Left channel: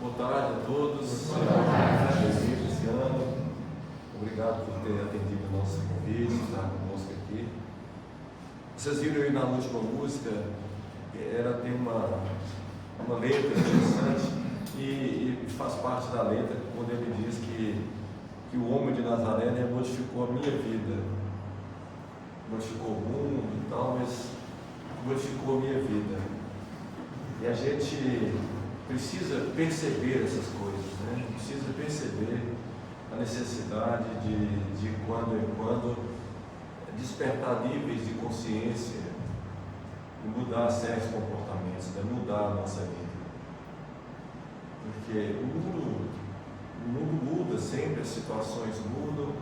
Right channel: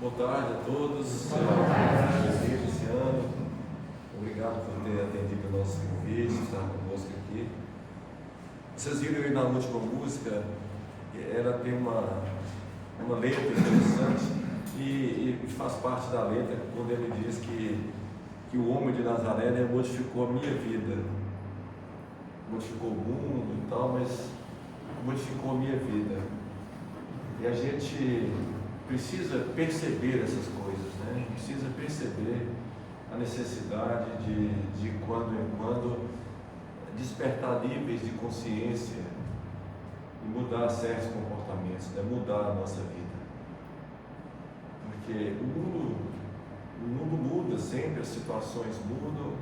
Boa tarde a todos. Seja bem-vindo esse ano. Obrigado por ter atendido o nosso convite, estar conosco aqui. Vocês viram aí na última música, ela tem uma letra interessante e faz parte da letra quando ele diz que o homem de Nazaré, né, modificou a minha vida. Modificou o mundo e tal, mas modificou a minha vida. E a gente precisa perceber essas coisas, né? Precisa perceber a necessidade de quando em quando despertar níveis de consciência e mudar certos comportamentos, né? Mudar a nossa vida. Porque o mundo muda sempre, as situações mudam,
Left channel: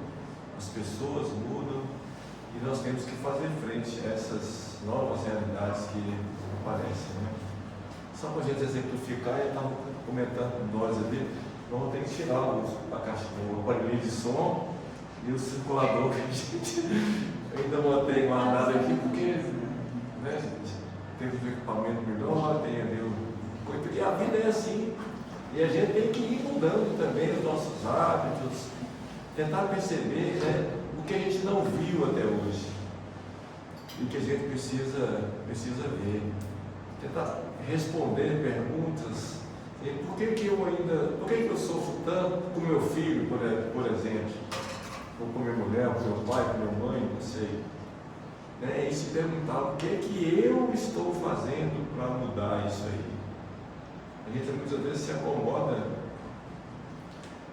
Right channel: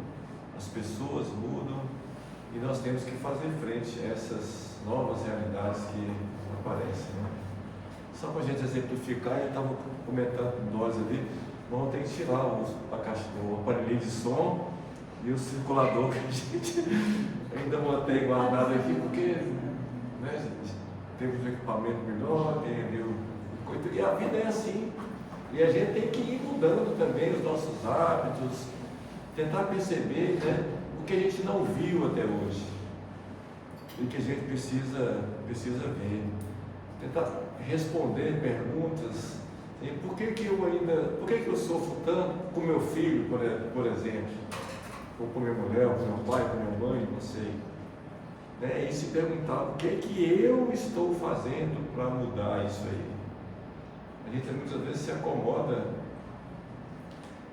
as pessoas mudam e nós temos que fazer frente a essas novas realidades que aparecem, né? Só para a gente exemplificar, eu estava comentando com nós ali, vamos ter que tirar o aparelho de som e o circulador que a gente ainda mantém guardado aqui, porque, né, gente, temos um equipamento melhor, tem ali e a vida é assim, e a gente tem que ir mudando também os nossos hábitos, tentar perceber, né, o que a gente não viu até hoje e que a gente precisa ver, tentar responder perguntas. Por que eu sofro tanto com meu filho, por exemplo, ou com minha mulher, com meu pai, com minha mãe, não sei, né? E se perguntar o que eu estou fazendo para mudar isso aí. A gente muitas vezes se acomoda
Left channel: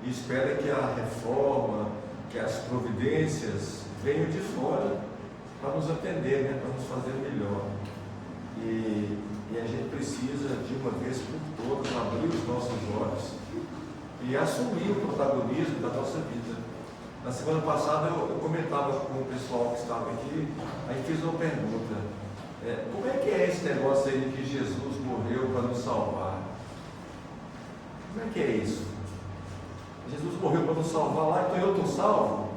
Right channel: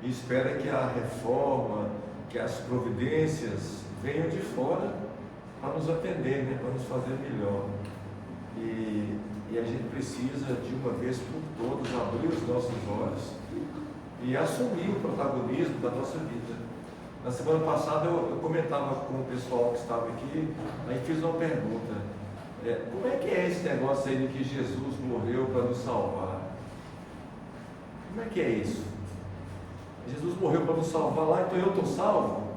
e espera que a reforma, que as providências venham de fora para nos atender, né? Para nos fazer melhor. E a gente precisa, de uma vez por todas, abrir os nossos olhos e assumir o protagonismo da nossa vida. Na semana passada eu comentava com o pessoal que estava aqui, aí fiz uma pergunta: como é que é esse negócio aí de que Jesus morreu para nos salvar? Como é que é isso? Jesus morreu para nos salvar lá, então eu estou salvo?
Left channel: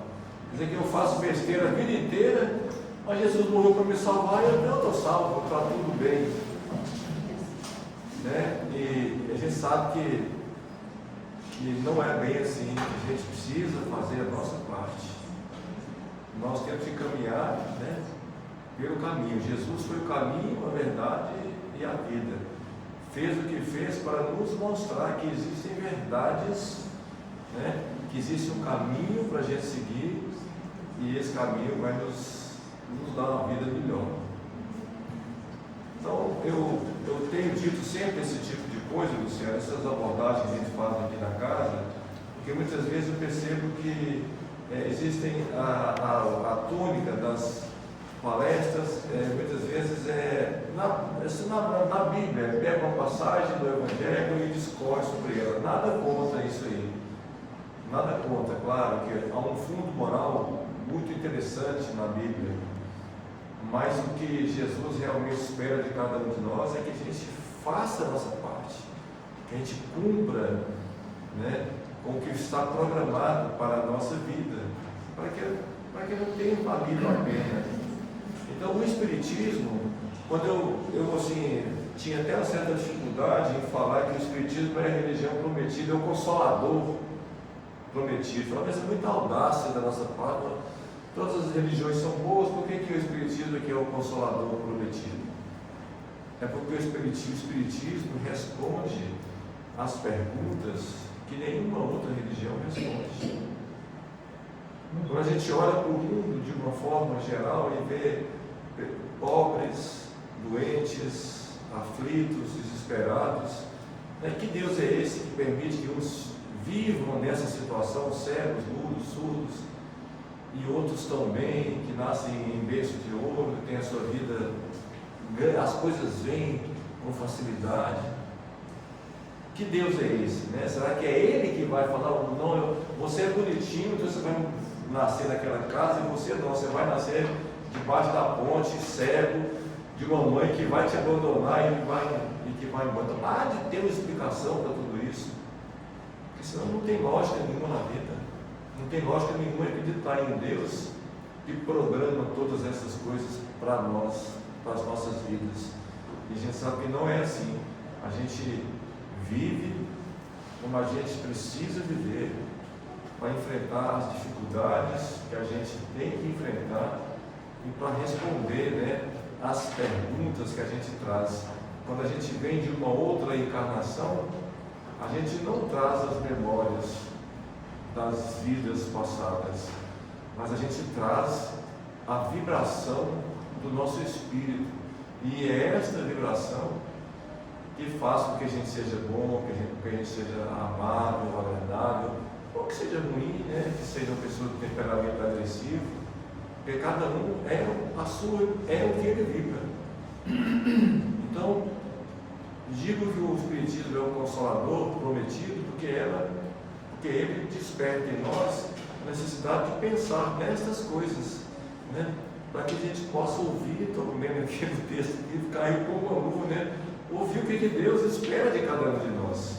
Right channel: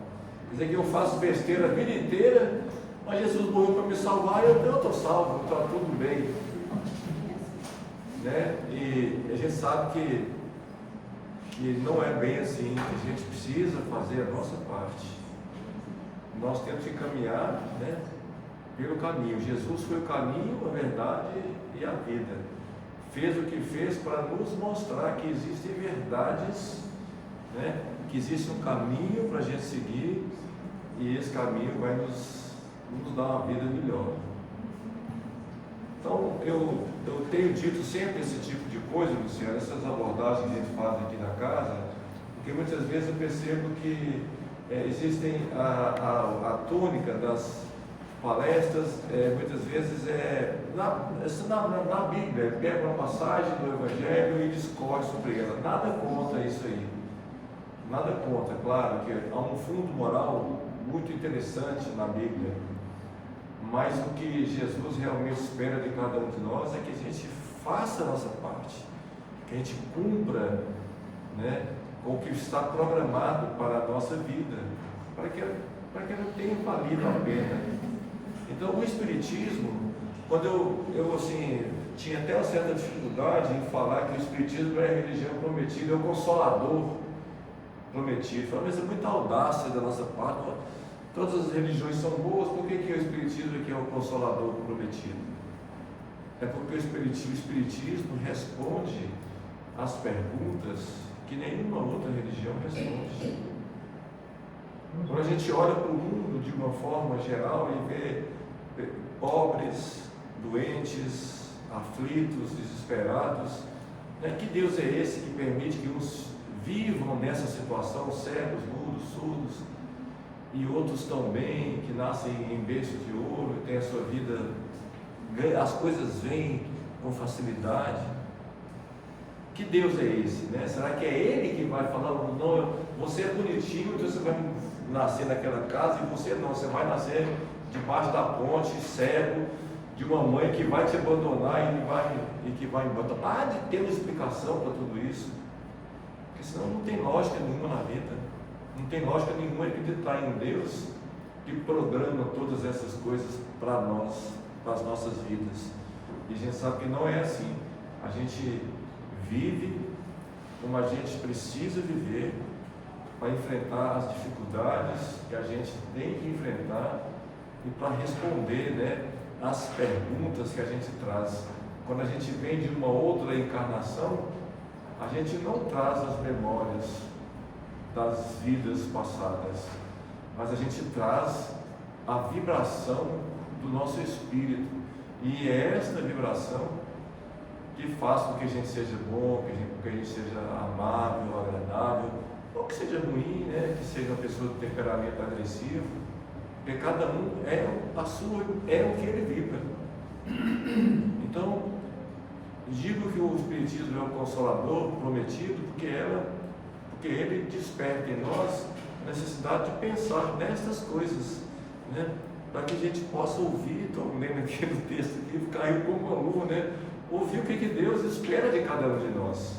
Quer dizer que eu faço besteira a vida inteira, mas Jesus morreu para me salvar e eu estou salvo, está tudo bem. Né? E a gente sabe que não é bem assim, que a gente precisa fazer a nossa parte. Nós temos que caminhar, né, pelo caminho. Jesus foi o caminho, a verdade e a vida. Fez o que fez para nos mostrar que existem verdades, né, que existe um caminho para a gente seguir e esse caminho vai nos dar uma vida melhor. Então, eu tenho dito sempre esse tipo de coisa, Luciano, essas abordagens que a gente faz aqui na casa, porque muitas vezes eu percebo que existem a tônica das palestras, muitas vezes na Bíblia, pega uma passagem do Evangelho e discorre sobre ela. Nada contra isso aí, nada contra, claro que há um fundo moral muito interessante na Bíblia. Mas o que Jesus realmente espera de cada um de nós é que a gente faça a nossa parte, que a gente cumpra, né, com o que está programado para a nossa vida, para que não tenha valido a pena. Então, o Espiritismo, quando eu assim, tinha até uma certa dificuldade em falar que o Espiritismo não é a religião prometida, é o Consolador prometido. Falei, mas é muita audácia da nossa parte. Todas as religiões são boas, por que o Espiritismo aqui é o Consolador prometido? É porque o Espiritismo responde às perguntas que nenhuma outra religião responde. Quando a gente olha para o mundo de uma forma geral e vê pobres, doentes, aflitos, desesperados, né? Que Deus é esse que permite que uns vivam nessa situação, cegos, mudos, surdos, e outros tão bem, que nascem em berço de ouro, têm a sua vida, as coisas vêm com facilidade? Que Deus é esse, né? Será que é Ele que vai falar, não, você é bonitinho, então você vai nascer naquela casa, e você não, você vai nascer debaixo da ponte, cego, de uma mãe que vai te abandonar e que vai embora? Então, há de ter uma explicação para tudo isso, porque senão não tem lógica nenhuma na vida. Não tem lógica nenhuma acreditar em Deus que programa todas essas coisas para nós, para as nossas vidas. E a gente sabe que não é assim. A gente vive como a gente precisa viver para enfrentar as dificuldades que a gente tem que enfrentar e para responder, né, as perguntas que a gente traz. Quando a gente vem de uma outra encarnação, a gente não traz as memórias das vidas passadas, mas a gente traz a vibração do nosso espírito, e é esta vibração que faz com que a gente seja bom, que a gente seja amável, agradável, ou que seja ruim, né? Que seja uma pessoa de temperamento agressivo, porque cada um é o que ele vibra. Então, digo que o Espiritismo é o consolador prometido, porque ele desperta em nós a necessidade de pensar nestas coisas, né? Para que a gente possa ouvir. Estou lendo aquele texto que caiu como uma luva, né? Ouvir o que Deus espera de cada um de nós.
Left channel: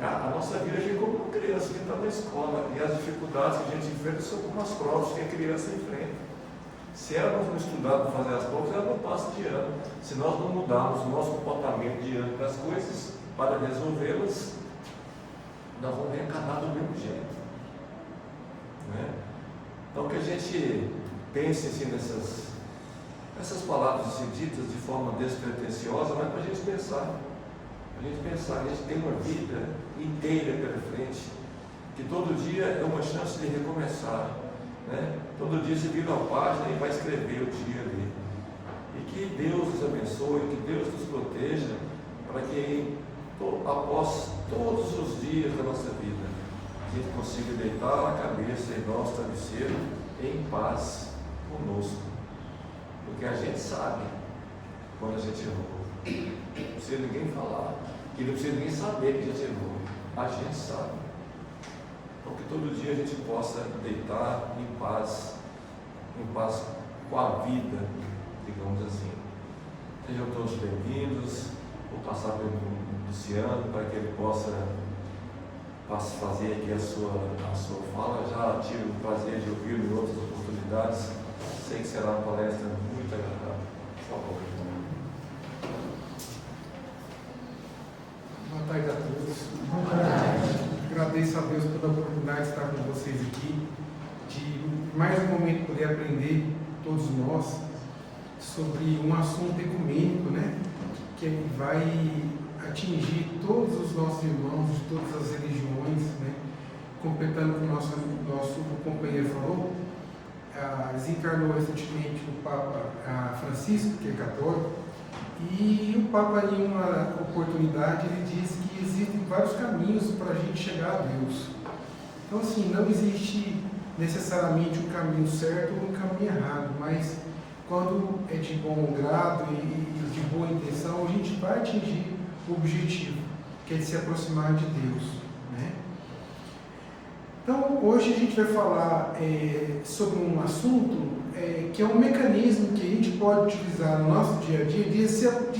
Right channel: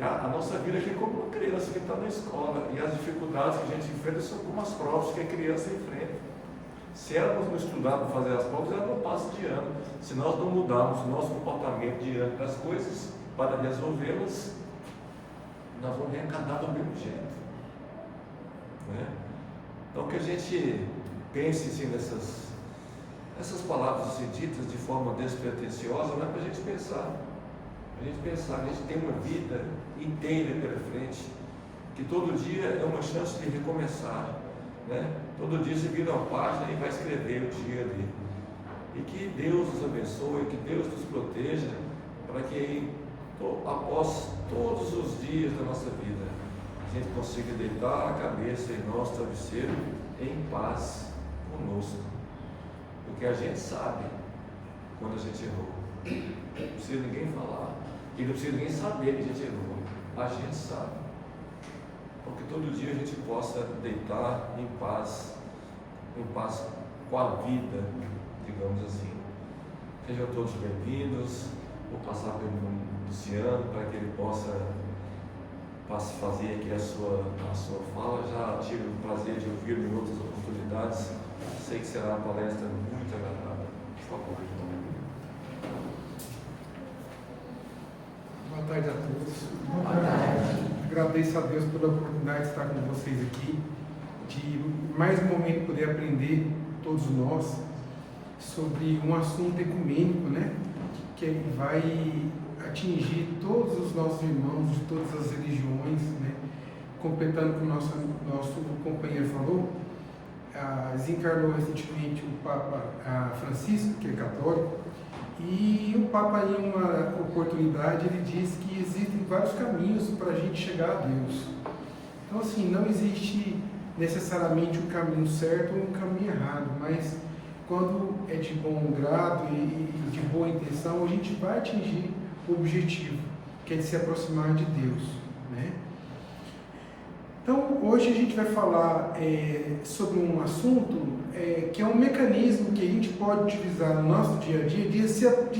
A nossa vida aqui é como uma criança que está na escola, e as dificuldades que a gente enfrenta são como as provas que a criança enfrenta. Se ela não estudar para fazer as provas, ela não passa de ano. Se nós não mudarmos nosso comportamento diante das coisas para resolvê-las, nós vamos reencarnar do mesmo jeito, né? Então, que a gente pense assim, nessas palavras assim, ditas de forma despretensiosa, mas para a gente pensar. A gente tem uma vida inteira pela frente, que todo dia é uma chance de recomeçar, né? Todo dia você vira uma página e vai escrever o dia ali. E que Deus nos abençoe, que Deus nos proteja, para que após todos os dias da nossa vida, a gente consiga deitar a cabeça em nosso travesseiro em paz conosco. Porque a gente sabe quando a gente errou. Não precisa ninguém falar. E não precisa ninguém saber que a gente errou. A gente sabe. Então, que todo dia a gente possa deitar em paz com a vida, digamos assim. Sejam todos bem-vindos. Vou passar pelo Luciano para que ele possa fazer aqui a sua fala. Já tive o prazer de ouvi-lo em outras oportunidades. Sei que será uma palestra muito agradável. Por favor. Boa tarde a todos. Agradeço a Deus pela oportunidade de estar com vocês aqui, de mais um momento poder aprender, todos nós, sobre um assunto ecumênico, né? Que vai atingir todos os nossos irmãos de todas as religiões, né? Completando o que o nosso companheiro falou, desencarnou recentemente o Papa Francisco, que é católico, e o Papa, em uma oportunidade, ele disse que existem vários caminhos para a gente chegar a Deus. Então, assim, não existe necessariamente um caminho certo ou um caminho errado, mas quando é de bom grado e de boa intenção, a gente vai atingir o objetivo, que é de se aproximar de Deus, né? Então, hoje a gente vai falar sobre um assunto que é um mecanismo que a gente pode utilizar no nosso dia a dia de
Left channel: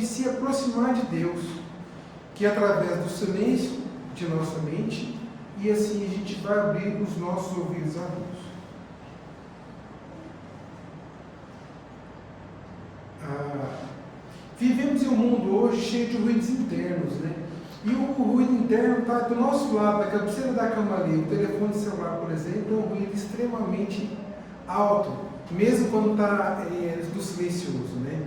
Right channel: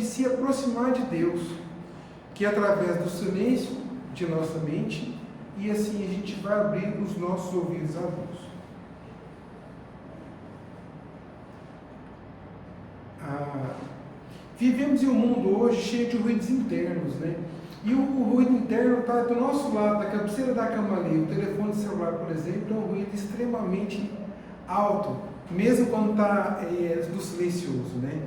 se aproximar de Deus, que é através do silêncio de nossa mente, e assim a gente vai abrir os nossos ouvidos a Deus. Vivemos em um mundo hoje cheio de ruídos internos, né? E o ruído interno está do nosso lado, na cabeceira da cama ali. O telefone celular, por exemplo, é um ruído extremamente alto, mesmo quando está do silencioso, né?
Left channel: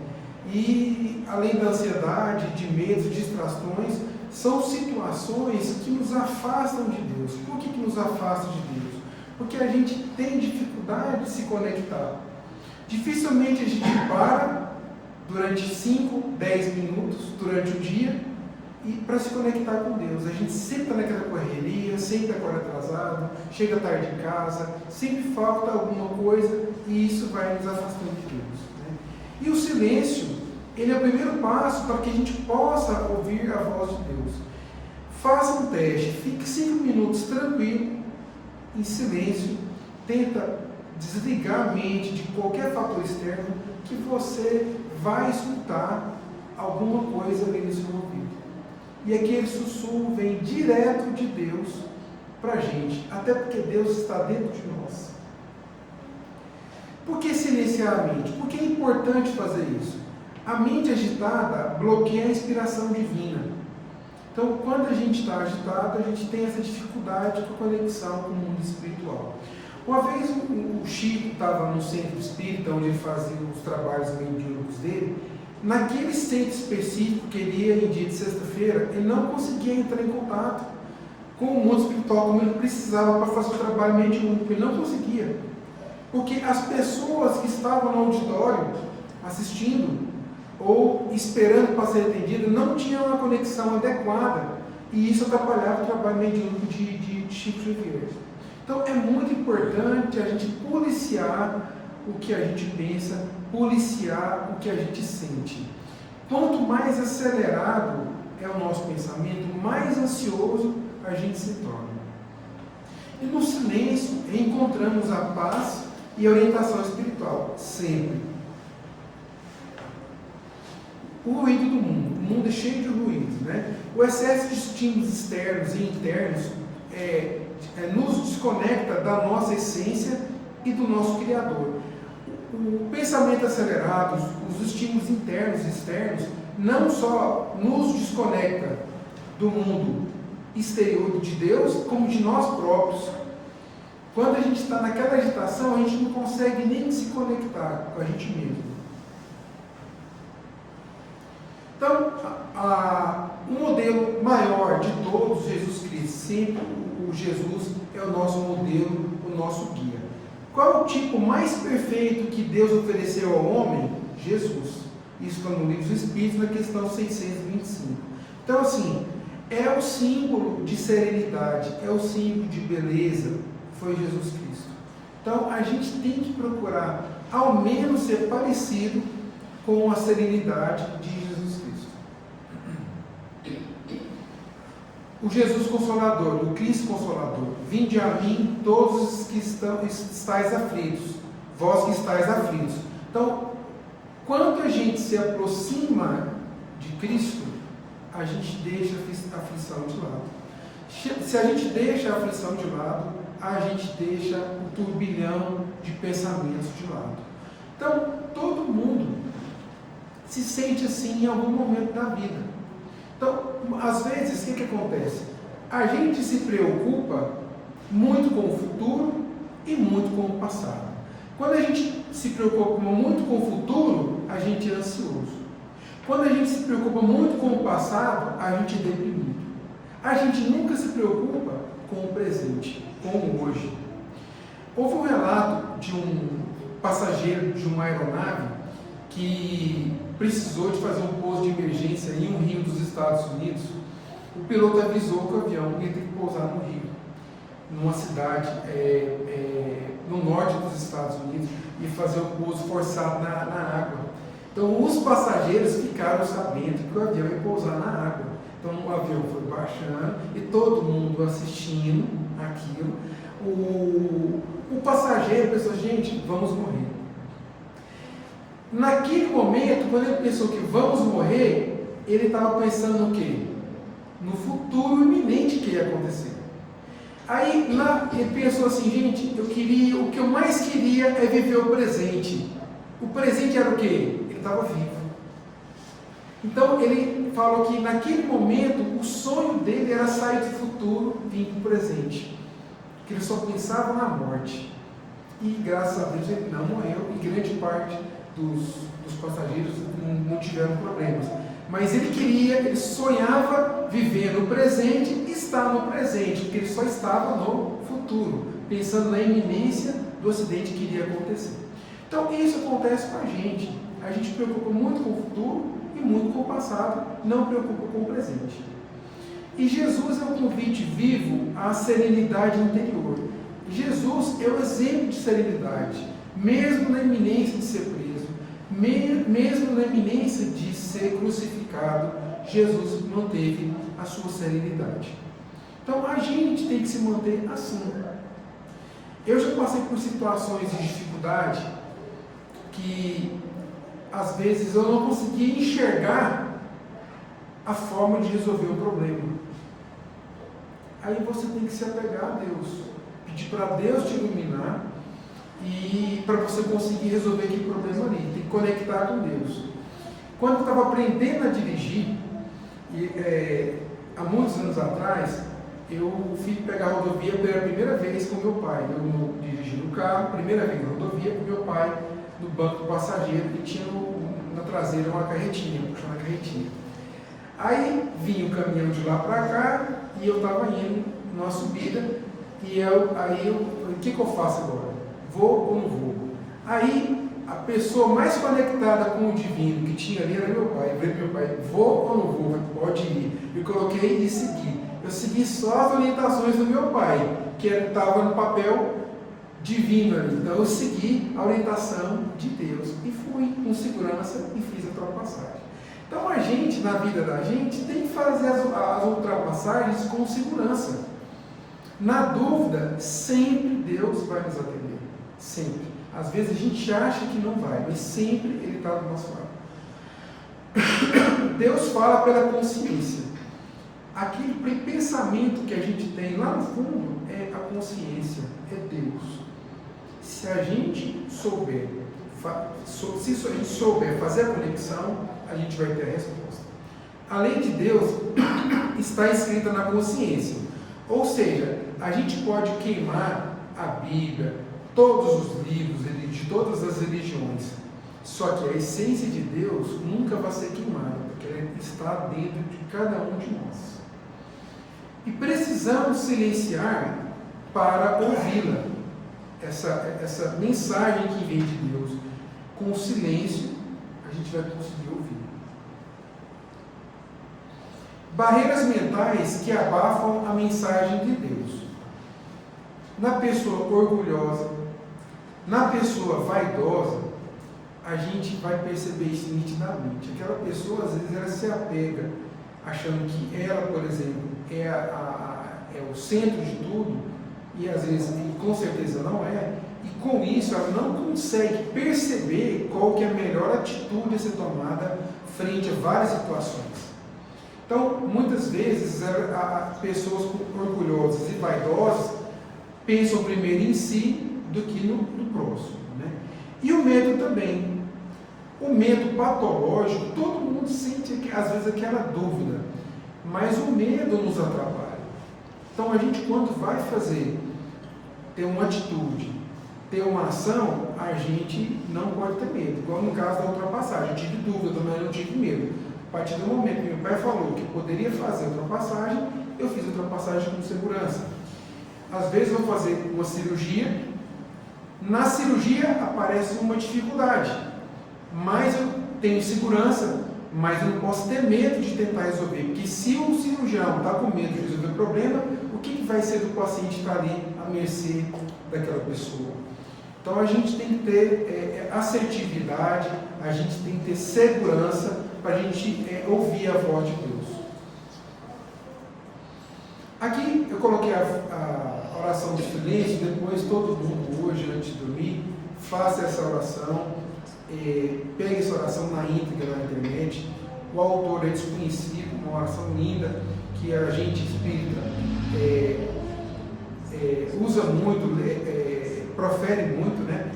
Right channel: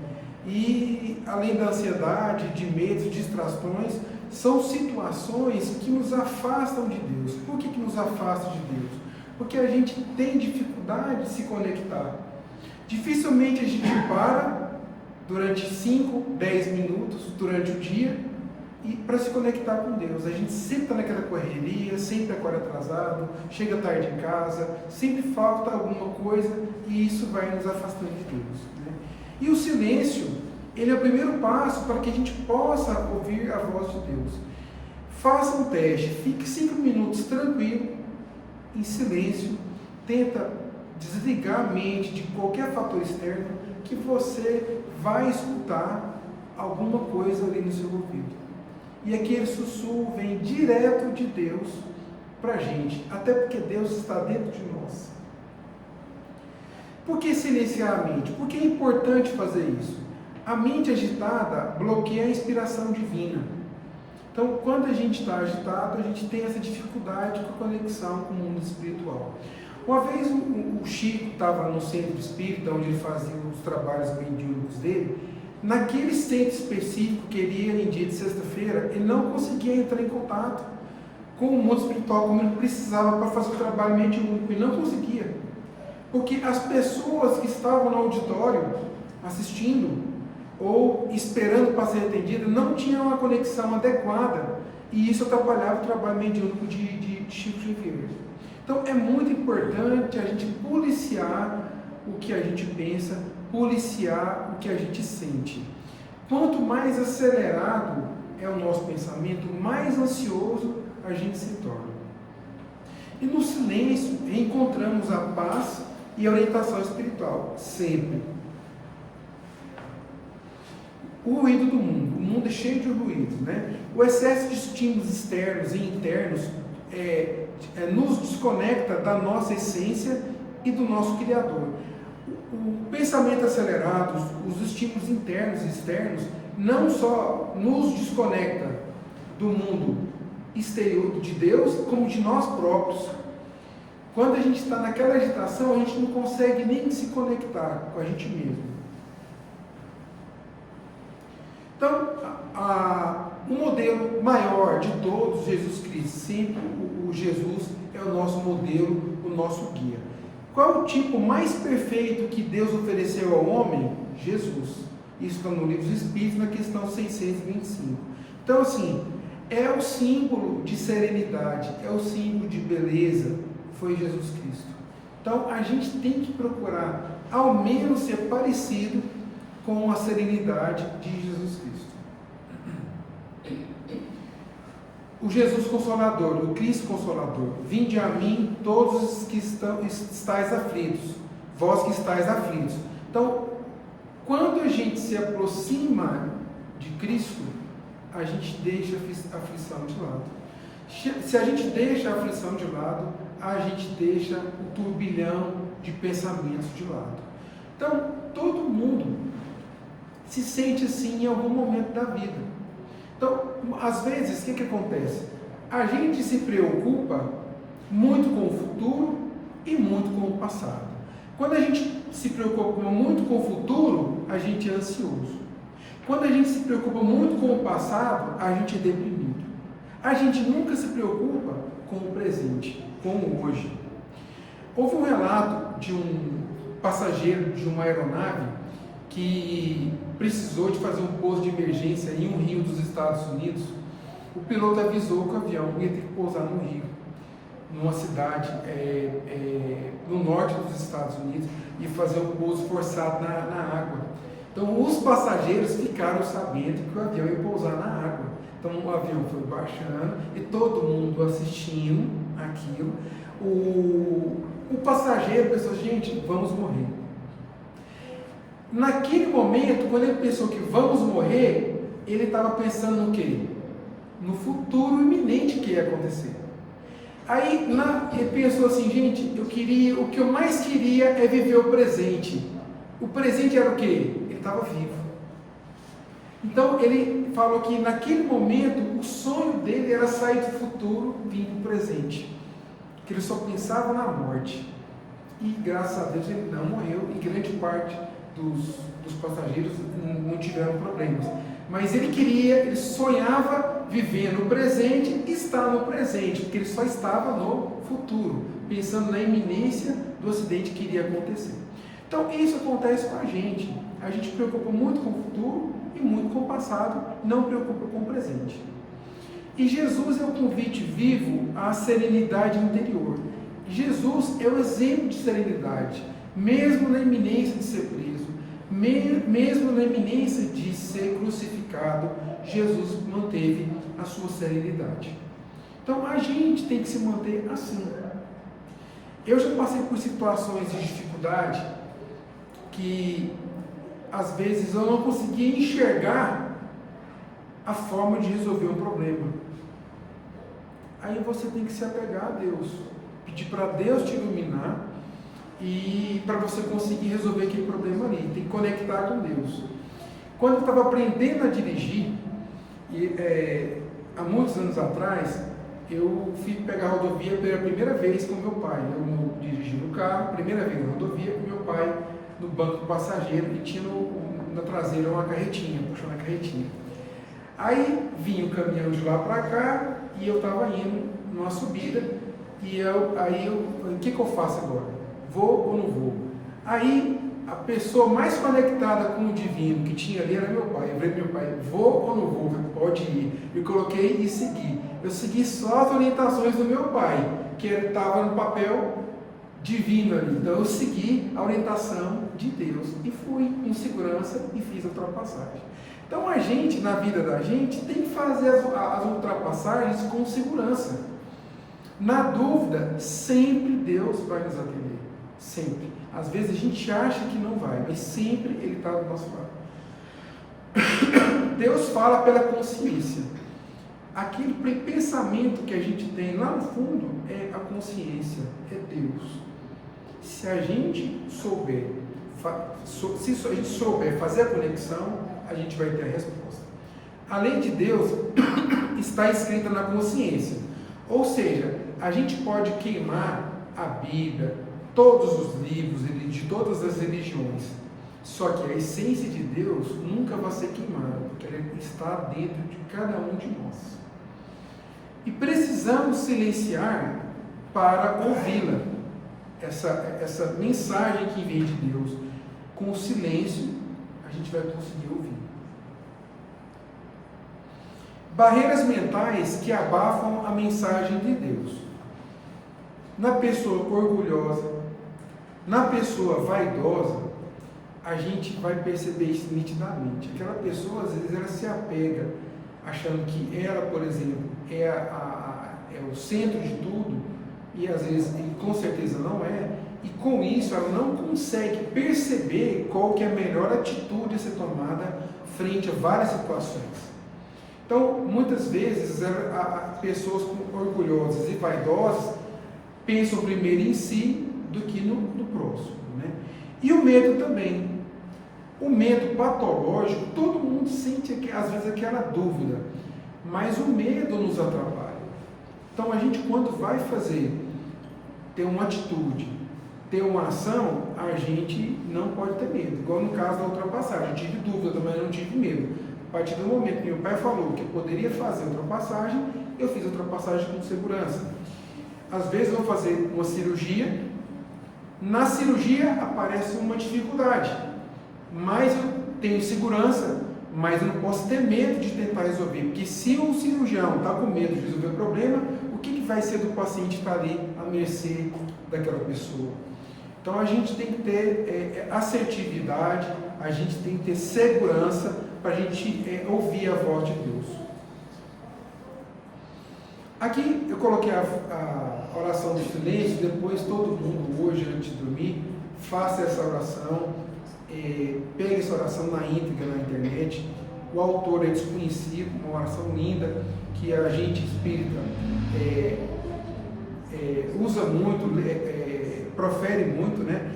E além da ansiedade, de medos, distrações, são situações que nos afastam de Deus. Por que nos afastam de Deus? Porque a gente tem dificuldade de se conectar. Dificilmente a gente para durante 5, 10 minutos durante o dia e para se conectar com Deus. A gente sempre está naquela correria, sempre acorda atrasado, chega tarde em casa, sempre falta alguma coisa e isso vai nos afastando de Deus, né? E o silêncio, ele é o primeiro passo para que a gente possa ouvir a voz de Deus. Faça um teste, fique 5 minutos tranquilo, em silêncio, tenta desligar a mente de qualquer fator externo que você vai escutar alguma coisa ali no seu ouvido. E aquele sussurro vem direto de Deus para a gente, até porque Deus está dentro de nós. Por que silenciar a mente? Porque é importante fazer isso. A mente agitada bloqueia a inspiração divina. Então, quando a gente está agitado, a gente tem essa dificuldade com a conexão com o mundo espiritual. Uma vez o Chico estava no centro espírita, onde ele fazia os trabalhos mediúnicos dele. Naquele centro específico que ele ia em dia de sexta-feira, ele não conseguia entrar em contato com o mundo espiritual como ele precisava para fazer o trabalho mediúnico. Ele não conseguia. Porque as pessoas que estavam no auditório assistindo ou esperando para ser atendidas não tinham uma conexão adequada, e isso atrapalhava o trabalho mediúnico de Chico Xavier. Então é muito importante a gente policiar o que a gente pensa, policiar o que a gente sente. Quanto mais acelerado é o nosso pensamento, mais ansioso a gente se torna. E no silêncio encontramos a paz e a orientação espiritual, sempre. O ruído do mundo. O mundo é cheio de ruídos, né? O excesso de estímulos externos e internos nos desconecta da nossa essência e do nosso Criador. O pensamento acelerado, os estímulos internos e externos, não só nos desconecta do mundo exterior de Deus, como de nós próprios. Quando a gente está naquela agitação, a gente não consegue nem se conectar com a gente mesmo. Então, o modelo maior de todos, Jesus Cristo, sempre o Jesus é o nosso modelo, o nosso guia. Qual o tipo mais perfeito que Deus ofereceu ao homem? Jesus. Isso está no Livro dos Espíritos, na questão 625. Então, assim, é o símbolo de serenidade, é o símbolo de beleza, foi Jesus Cristo. Então, a gente tem que procurar, ao menos, ser parecido com a serenidade de Jesus Cristo. O Jesus Consolador, o Cristo Consolador. Vinde a mim todos os que estáis aflitos, vós que estáis aflitos. Então, quando a gente se aproxima de Cristo, a gente deixa a aflição de lado. Se a gente deixa a aflição de lado, a gente deixa o turbilhão de pensamentos de lado. Então, todo mundo se sente assim em algum momento da vida. Então, às vezes, o que acontece? A gente se preocupa muito com o futuro e muito com o passado. Quando a gente se preocupa muito com o futuro, a gente é ansioso. Quando a gente se preocupa muito com o passado, a gente é deprimido. A gente nunca se preocupa com o presente, com o hoje. Houve um relato de um passageiro de uma aeronave que precisou de fazer um pouso de emergência em um rio dos Estados Unidos. O piloto avisou que o avião ia ter que pousar no rio, numa cidade no norte dos Estados Unidos, e fazer um pouso forçado na água. Então os passageiros ficaram sabendo que o avião ia pousar na água. Então o avião foi baixando e todo mundo assistindo aquilo. O passageiro pensou, gente, vamos morrer. Naquele momento, quando ele pensou que vamos morrer, ele estava pensando no quê? No futuro iminente que ia acontecer. Aí ele pensou assim, gente, o que eu mais queria é viver o presente. O presente era o quê? Ele estava vivo. Então ele falou que naquele momento o sonho dele era sair do futuro e vir para o presente. Que ele só pensava na morte. E graças a Deus ele não morreu, e grande parte dos passageiros não tiveram problemas. Mas ele sonhava viver no presente e estar no presente, porque ele só estava no futuro, pensando na iminência do acidente que iria acontecer. Então isso acontece com a gente. A gente se preocupa muito com o futuro e muito com o passado, não preocupa com o presente. E Jesus é o convite vivo à serenidade interior. Jesus é o exemplo de serenidade, mesmo na iminência de ser preso, mesmo na iminência de ser crucificado, Jesus manteve a sua serenidade. Então a gente tem que se manter assim. Eu já passei por situações de dificuldade que às vezes eu não conseguia enxergar a forma de resolver um problema. Aí você tem que se apegar a Deus, pedir para Deus te iluminar, e para você conseguir resolver aquele problema ali, tem que conectar com Deus. Quando eu estava aprendendo a dirigir, há muitos anos atrás, eu fui pegar a rodovia pela primeira vez com meu pai. Eu dirigindo o carro, primeira vez na rodovia, com meu pai no banco do passageiro, e tinha na traseira uma carretinha, puxando a carretinha. Aí vinha o caminhão de lá para cá e eu estava indo numa subida e o que eu faço agora? Vou ou não vou? Aí a pessoa mais conectada com o divino que tinha ali era meu pai. Eu falei, meu pai, vou ou não vou? Eu falei, pode ir. Eu coloquei e segui. Eu segui só as orientações do meu pai, que estava no papel divino ali. Então eu segui a orientação de Deus e fui com segurança e fiz a ultrapassagem. Então a gente, na vida da gente, tem que fazer as ultrapassagens com segurança. Na dúvida, sempre Deus vai nos atender. Sempre. Às vezes a gente acha que não vai, mas sempre Ele está do nosso lado. Deus fala pela consciência. Aquele pensamento que a gente tem lá no fundo é a consciência, é Deus. Se a gente souber, se a gente souber fazer a conexão, a gente vai ter a resposta. A lei de Deus está escrita na consciência. Ou seja, a gente pode queimar a Bíblia, todos os livros de todas as religiões. Só que a essência de Deus nunca vai ser queimada, porque ela está dentro de cada um de nós. E precisamos silenciar para ouvi-la. Essa mensagem que vem de Deus, com silêncio, a gente vai conseguir ouvir. Barreiras mentais que abafam a mensagem de Deus. Na pessoa orgulhosa, na pessoa vaidosa, a gente vai perceber isso nitidamente. Aquela pessoa, às vezes, ela se apega, achando que ela, por exemplo, é o centro de tudo, e às vezes, com certeza não é, e com isso ela não consegue perceber qual que é a melhor atitude a ser tomada frente a várias situações. Então, muitas vezes, pessoas orgulhosas e vaidosas pensam primeiro em si do que no próximo, né? E o medo também. O medo patológico, todo mundo sente, às vezes, aquela dúvida, mas o medo nos atrapalha. Então, a gente, quando vai ter uma atitude, ter uma ação, a gente não pode ter medo. Igual no caso da ultrapassagem, eu tive dúvida, também não tive medo. A partir do momento que meu pai falou que eu poderia fazer a ultrapassagem, eu fiz a ultrapassagem com segurança. Às vezes eu vou fazer uma cirurgia, na cirurgia aparece uma dificuldade, mas eu tenho segurança, mas eu não posso ter medo de tentar resolver, porque se o cirurgião está com medo de resolver o problema, o que vai ser do paciente estar ali à mercê daquela pessoa? Então a gente tem que ter assertividade, a gente tem que ter segurança para a gente ouvir a voz de Deus. Aqui eu coloquei a oração do silêncio, depois todo mundo hoje, antes de dormir, faça essa oração, pegue essa oração na íntegra na internet. O autor é desconhecido, uma oração linda, que a gente espírita usa muito, profere muito, né?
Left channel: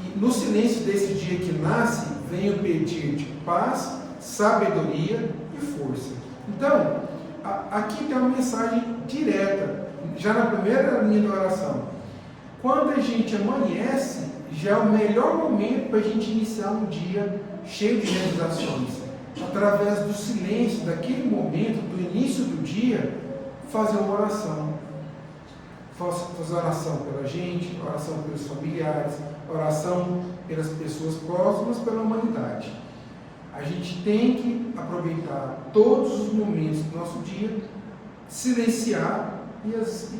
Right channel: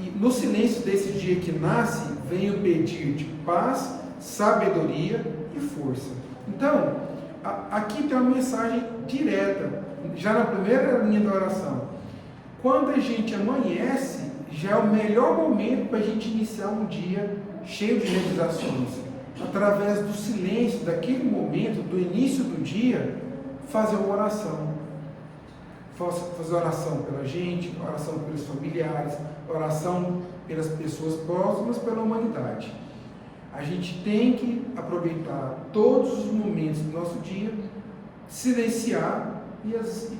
E no silêncio desse dia que nasce, venho pedir de paz, sabedoria e força. Então, aqui tem uma mensagem direta, já na primeira linha da oração. Quando a gente amanhece, já é o melhor momento para a gente iniciar um dia cheio de realizações. Através do silêncio, daquele momento, do início do dia, fazer uma oração. Fazer oração pela gente, oração pelos familiares, oração pelas pessoas próximas, pela humanidade. A gente tem que aproveitar todos os momentos do nosso dia, silenciar e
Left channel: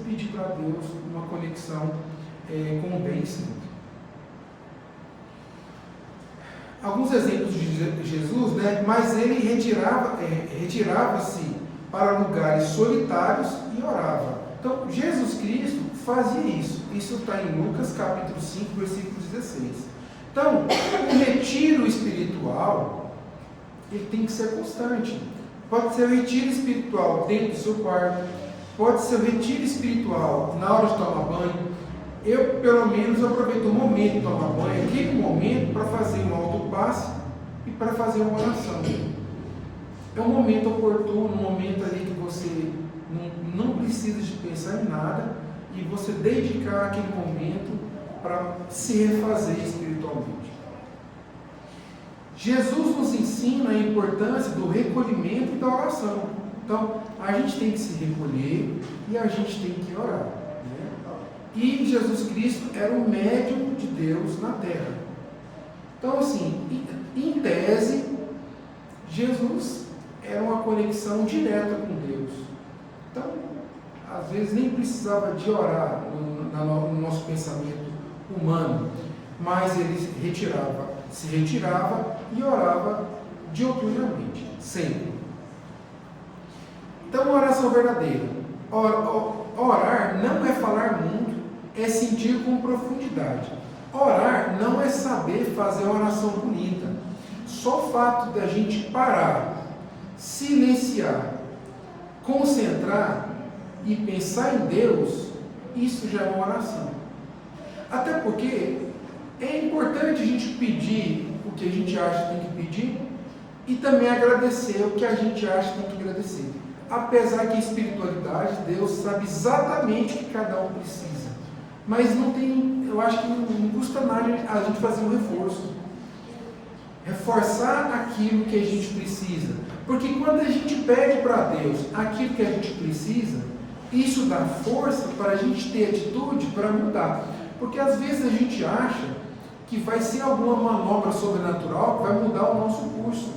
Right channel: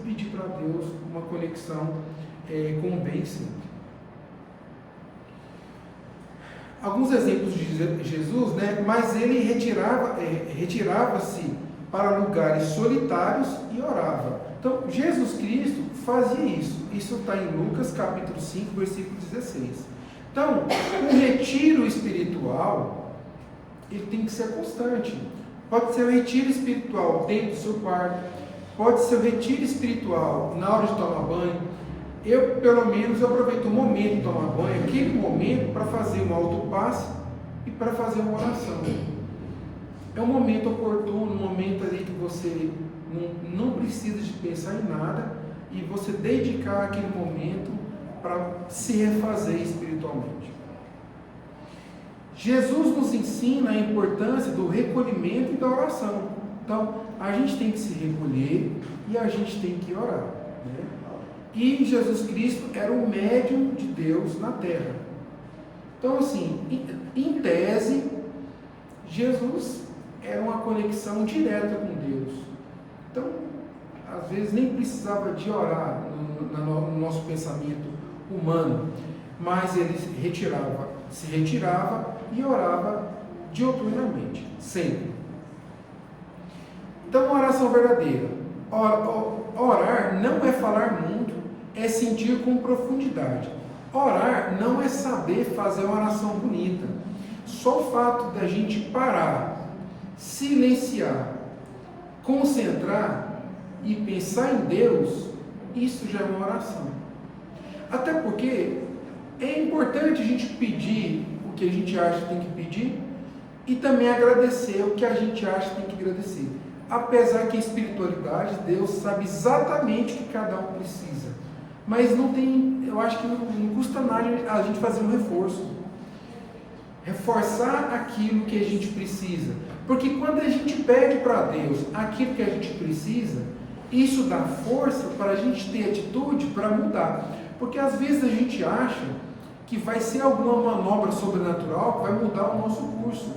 pedir para Deus uma conexão com o bem sempre. Alguns exemplos de Jesus, né? Mas ele retirava-se para lugares solitários e orava. Então, Jesus Cristo fazia isso. Isso está em Lucas capítulo 5, versículo 16. Então, o retiro espiritual, ele tem que ser constante. Pode ser o retiro espiritual dentro do seu quarto, pode ser o retiro espiritual na hora de tomar banho. Eu, pelo menos, aproveito o momento de tomar banho, aquele momento, para fazer um autopasse e para fazer uma oração. É um momento oportuno, um momento ali que você não precisa de pensar em nada e você dedicar aquele momento para se refazer espiritualmente. Jesus nos ensina a importância do recolhimento e da oração. Então, a gente tem que se recolher e a gente tem que orar, né? E Jesus Cristo era o médium de Deus na Terra. Então, assim, em tese, Jesus era uma conexão direta com Deus. Então, às vezes nem precisava de orar no nosso pensamento humano, mas ele se retirava e orava diuturnamente, sempre. Então, uma oração verdadeira. Orar não é falar muito, é sentir com profundidade. Orar não é saber fazer uma oração bonita. Só o fato da gente parar, silenciar, concentrar e pensar em Deus, isso já é uma oração. Até porque é importante a gente pedir o que a gente acha que tem que pedir e também agradecer o que a gente acha que tem que agradecer. Apesar que a espiritualidade, Deus sabe exatamente o que cada um precisa. Mas não tem, eu acho que não custa nada a gente fazer um reforço. Reforçar aquilo que a gente precisa. Porque quando a gente pede para Deus aquilo que a gente precisa, isso dá força para a gente ter atitude para mudar. Porque às vezes a gente acha que vai ser alguma manobra sobrenatural que vai mudar o nosso curso.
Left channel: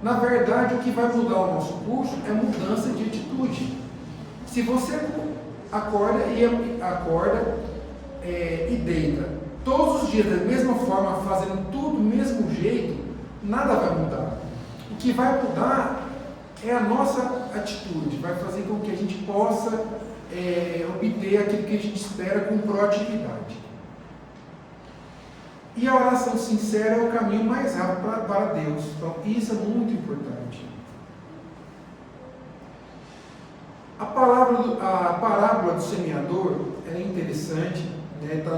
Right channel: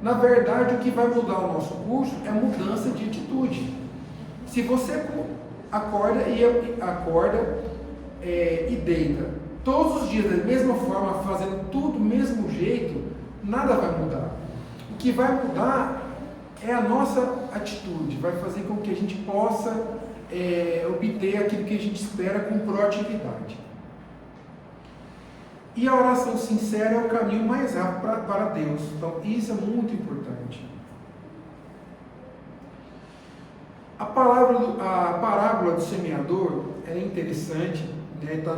Na verdade, o que vai mudar o nosso curso é mudança de atitude. Se você acorda e deita todos os dias da mesma forma, fazendo tudo do mesmo jeito, nada vai mudar. O que vai mudar é a nossa atitude, vai fazer com que a gente possa obter aquilo que a gente espera com proatividade. E a oração sincera é o caminho mais rápido para Deus. Então, isso é muito importante. A parábola do semeador é interessante, né? Está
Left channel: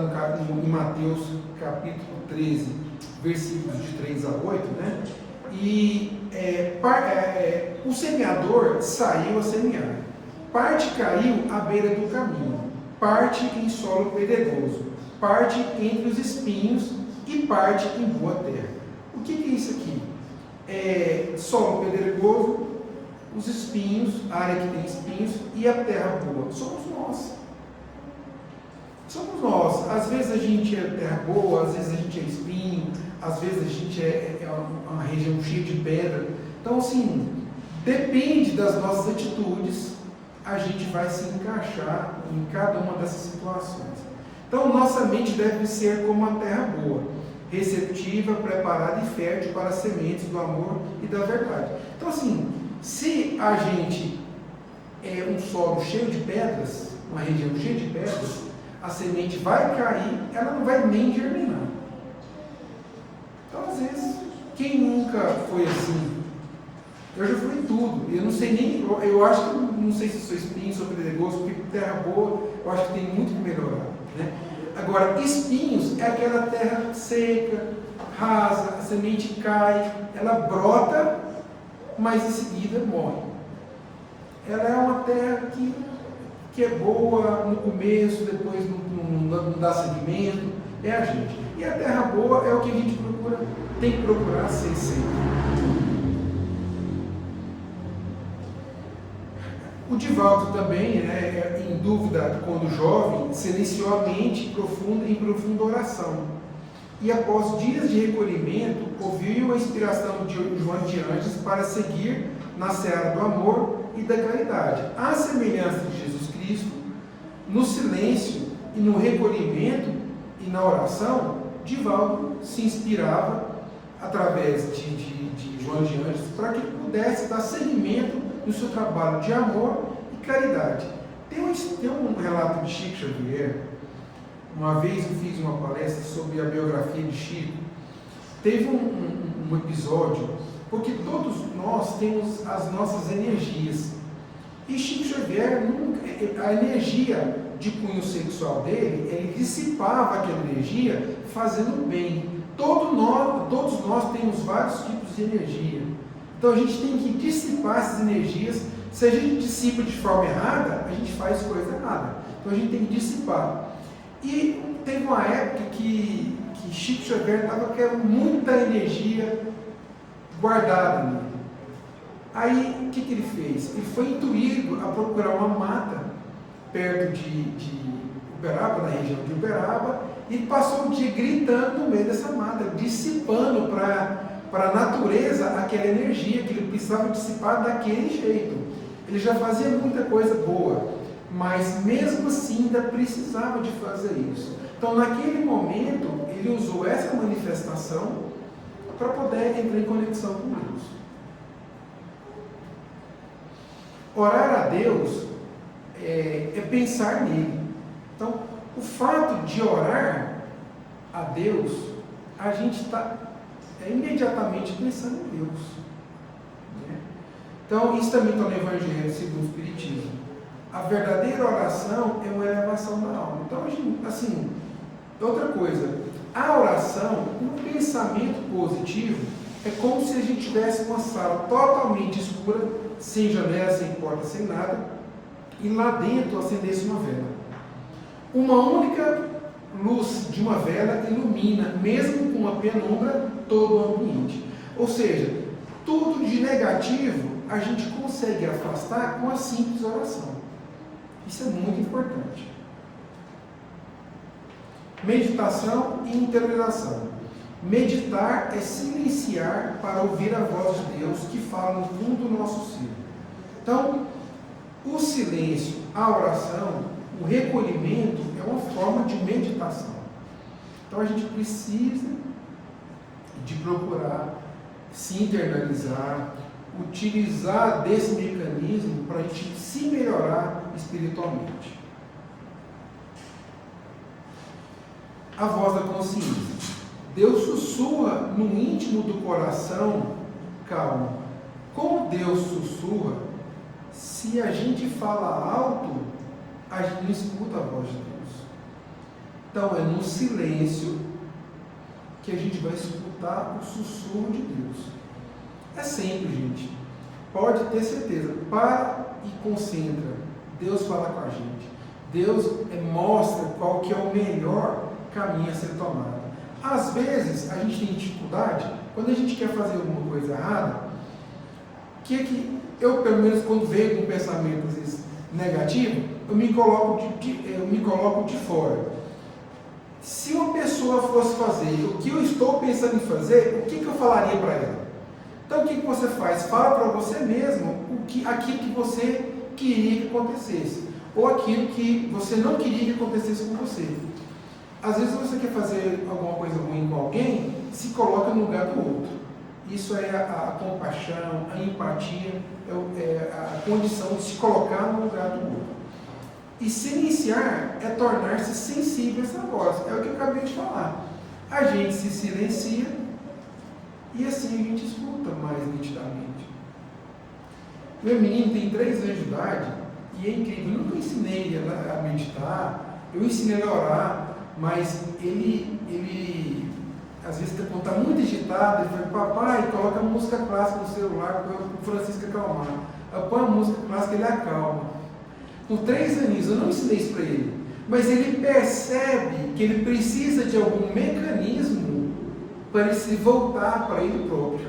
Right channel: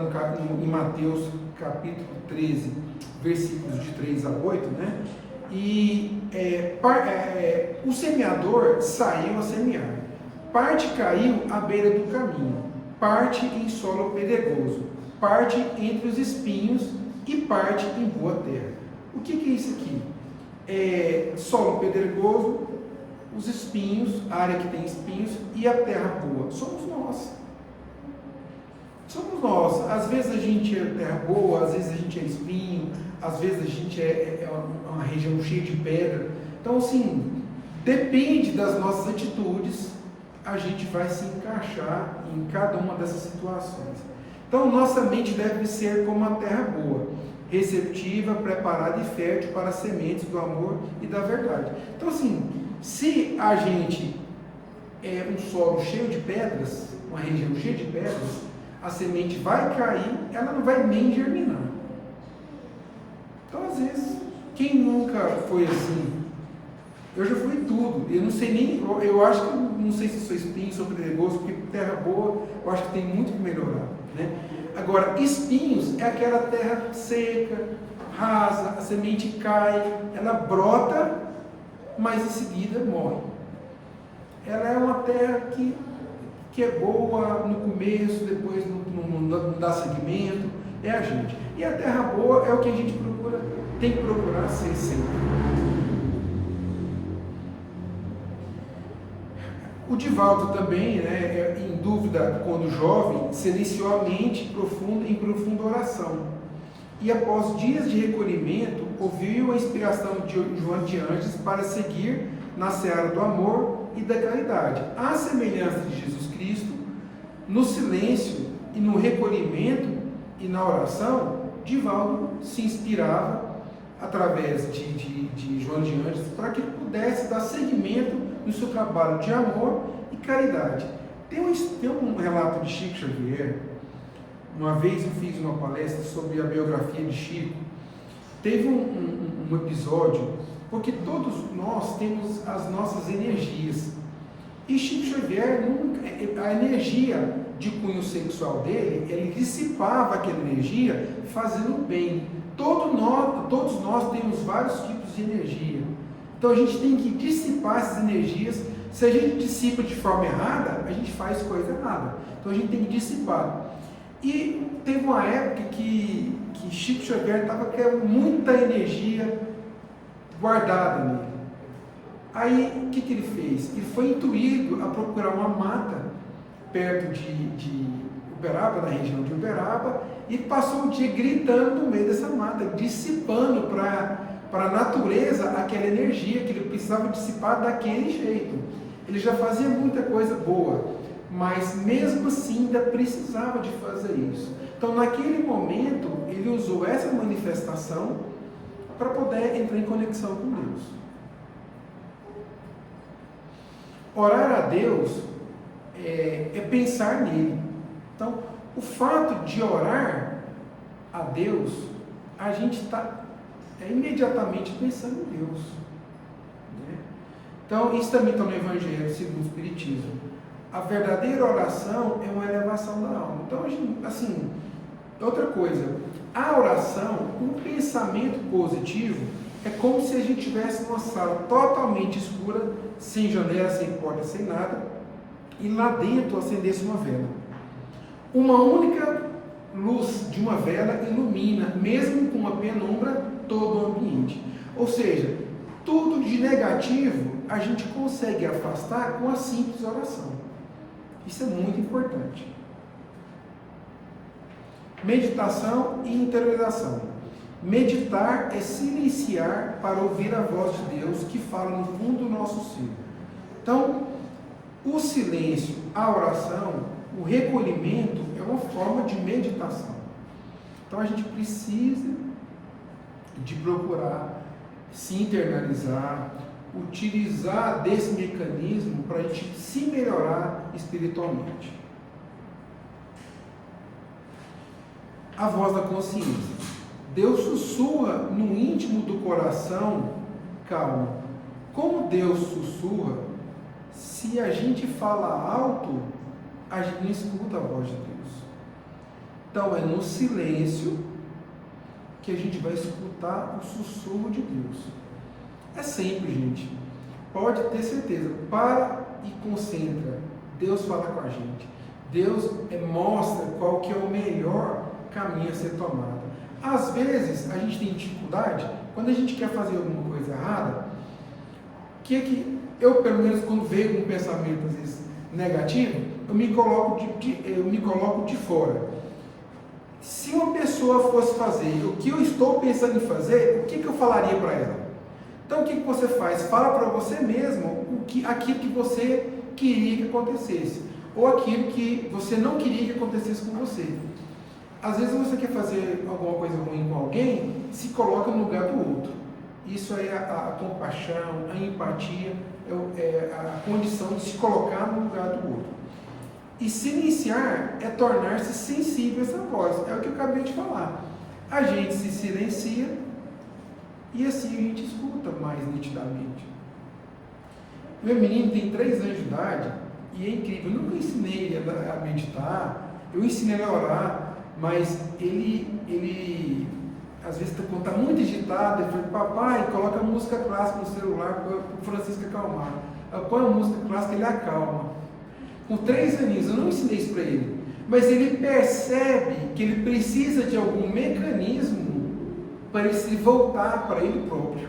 em Mateus capítulo 13, versículos de 3 a 8, né? E o semeador saiu a semear. Parte caiu à beira do caminho, parte em solo pedregoso, parte entre os espinhos e parte em boa terra. O que é isso aqui? Solo pedregoso, os espinhos, a área que tem espinhos e a terra boa. Somos nós. Somos nós. Às vezes a gente é terra boa, às vezes a gente é espinho, às vezes a gente é uma região cheia de pedra. Então, assim, depende das nossas atitudes, a gente vai se encaixar em cada uma dessas situações. Então, nossa mente deve ser como a terra boa, receptiva, preparada e fértil para as sementes do amor e da verdade. Então, assim, se a gente é um solo cheio de pedras, uma região cheia de pedras, a semente vai cair, ela não vai nem germinar. Então, às vezes, quem nunca foi assim? Eu já fui tudo, eu não sei nem, eu acho que, não sei se sou espinho, sou pedregoso, porque terra boa, eu acho que tem muito que melhorar, né? Agora, espinhos é aquela terra seca, rasa, a semente cai, ela brota, mas em seguida morre. Ela é uma terra que é boa no começo, depois não dá segmento, é a gente. E a terra boa é o que a gente tem que procurar ser sempre. O Divaldo também, né, em dúvida quando jovem, silenciou a mente em profunda oração. E após dias de recolhimento, ouviu a inspiração de João de Anjos para seguir na seara do amor e da caridade. À semelhança de Jesus Cristo, no silêncio e no recolhimento e na oração, Divaldo se inspirava através de João de Anjos para que ele pudesse dar seguimento no seu trabalho de amor e caridade. Tem um relato de Chico Xavier. Uma vez eu fiz uma palestra sobre a biografia de Chico. Teve um episódio, porque todos nós temos as nossas energias. E Chico Xavier, a energia de cunho sexual dele, ele dissipava aquela energia fazendo bem. Todos nós temos vários tipos de energia. Então a gente tem que dissipar essas energias Se a gente dissipa de forma errada, a gente faz coisa errada. Então a gente tem que dissipar. E teve uma época que Chico Xavier estava com muita energia guardada nele. Aí o que ele fez? Ele foi intuído a procurar uma mata perto de Uberaba, na região de Uberaba, e passou o dia gritando no meio dessa mata, dissipando para a natureza aquela energia que ele precisava dissipar daquele jeito. Ele já fazia muita coisa boa, mas mesmo assim ainda precisava de fazer isso. Então naquele momento ele usou essa manifestação para poder entrar em conexão com Deus. Orar a Deus é pensar nele. Então o fato de orar a Deus, a gente está imediatamente pensando em Deus, né? Então isso também está no Evangelho segundo o Espiritismo. A verdadeira oração é uma elevação da alma. Então, assim, outra coisa, a oração, o pensamento positivo, é como se a gente tivesse uma sala totalmente escura, sem janela, sem porta, sem nada, e lá dentro acendesse uma vela. Uma única luz de uma vela ilumina, mesmo com uma penumbra, todo o ambiente. Ou seja, tudo de negativo a gente consegue afastar com a simples oração. Isso é muito importante. Meditação e interiorização. Meditar é silenciar para ouvir a voz de Deus que fala no fundo do nosso ser. Então, o silêncio, a oração, o recolhimento é uma forma de meditação. Então a gente precisa de procurar se internalizar, utilizar desse mecanismo para a gente se melhorar espiritualmente. A voz da consciência. Deus sussurra no íntimo do coração, calma. Como Deus sussurra, se a gente fala alto, a gente não escuta a voz de Deus. Então é no silêncio que a gente vai escutar o sussurro de Deus. É sempre, gente. Pode ter certeza. Para e concentra. Deus fala com a gente. Deus mostra qual que é o melhor caminho a ser tomado. Às vezes, a gente tem dificuldade, quando a gente quer fazer alguma coisa errada, que eu, pelo menos, quando vejo um pensamento, às vezes, negativo, eu me coloco de fora. Se uma pessoa fosse fazer o que eu estou pensando em fazer, o que eu falaria para ela? Então o que você faz? Fala para você mesmo aquilo que você queria que acontecesse, ou aquilo que você não queria que acontecesse com você. Às vezes você quer fazer alguma coisa ruim com alguém, se coloca no lugar do outro. Isso é a compaixão, a empatia, é a condição de se colocar no lugar do outro. E silenciar é tornar-se sensível a essa voz. É o que eu acabei de falar. A gente se silencia e assim a gente escuta mais nitidamente. Meu menino tem 3 anos de idade e é incrível. Eu nunca ensinei a meditar, eu ensinei ele a orar, mas ele às vezes quando está muito agitado, ele fala: papai, coloca música clássica no celular para o Francisco acalmar. Eu ponho a música clássica, ele acalma. Com 3 aninhos, eu não ensinei isso para ele, mas ele percebe que ele precisa de algum mecanismo para ele se voltar para ele próprio.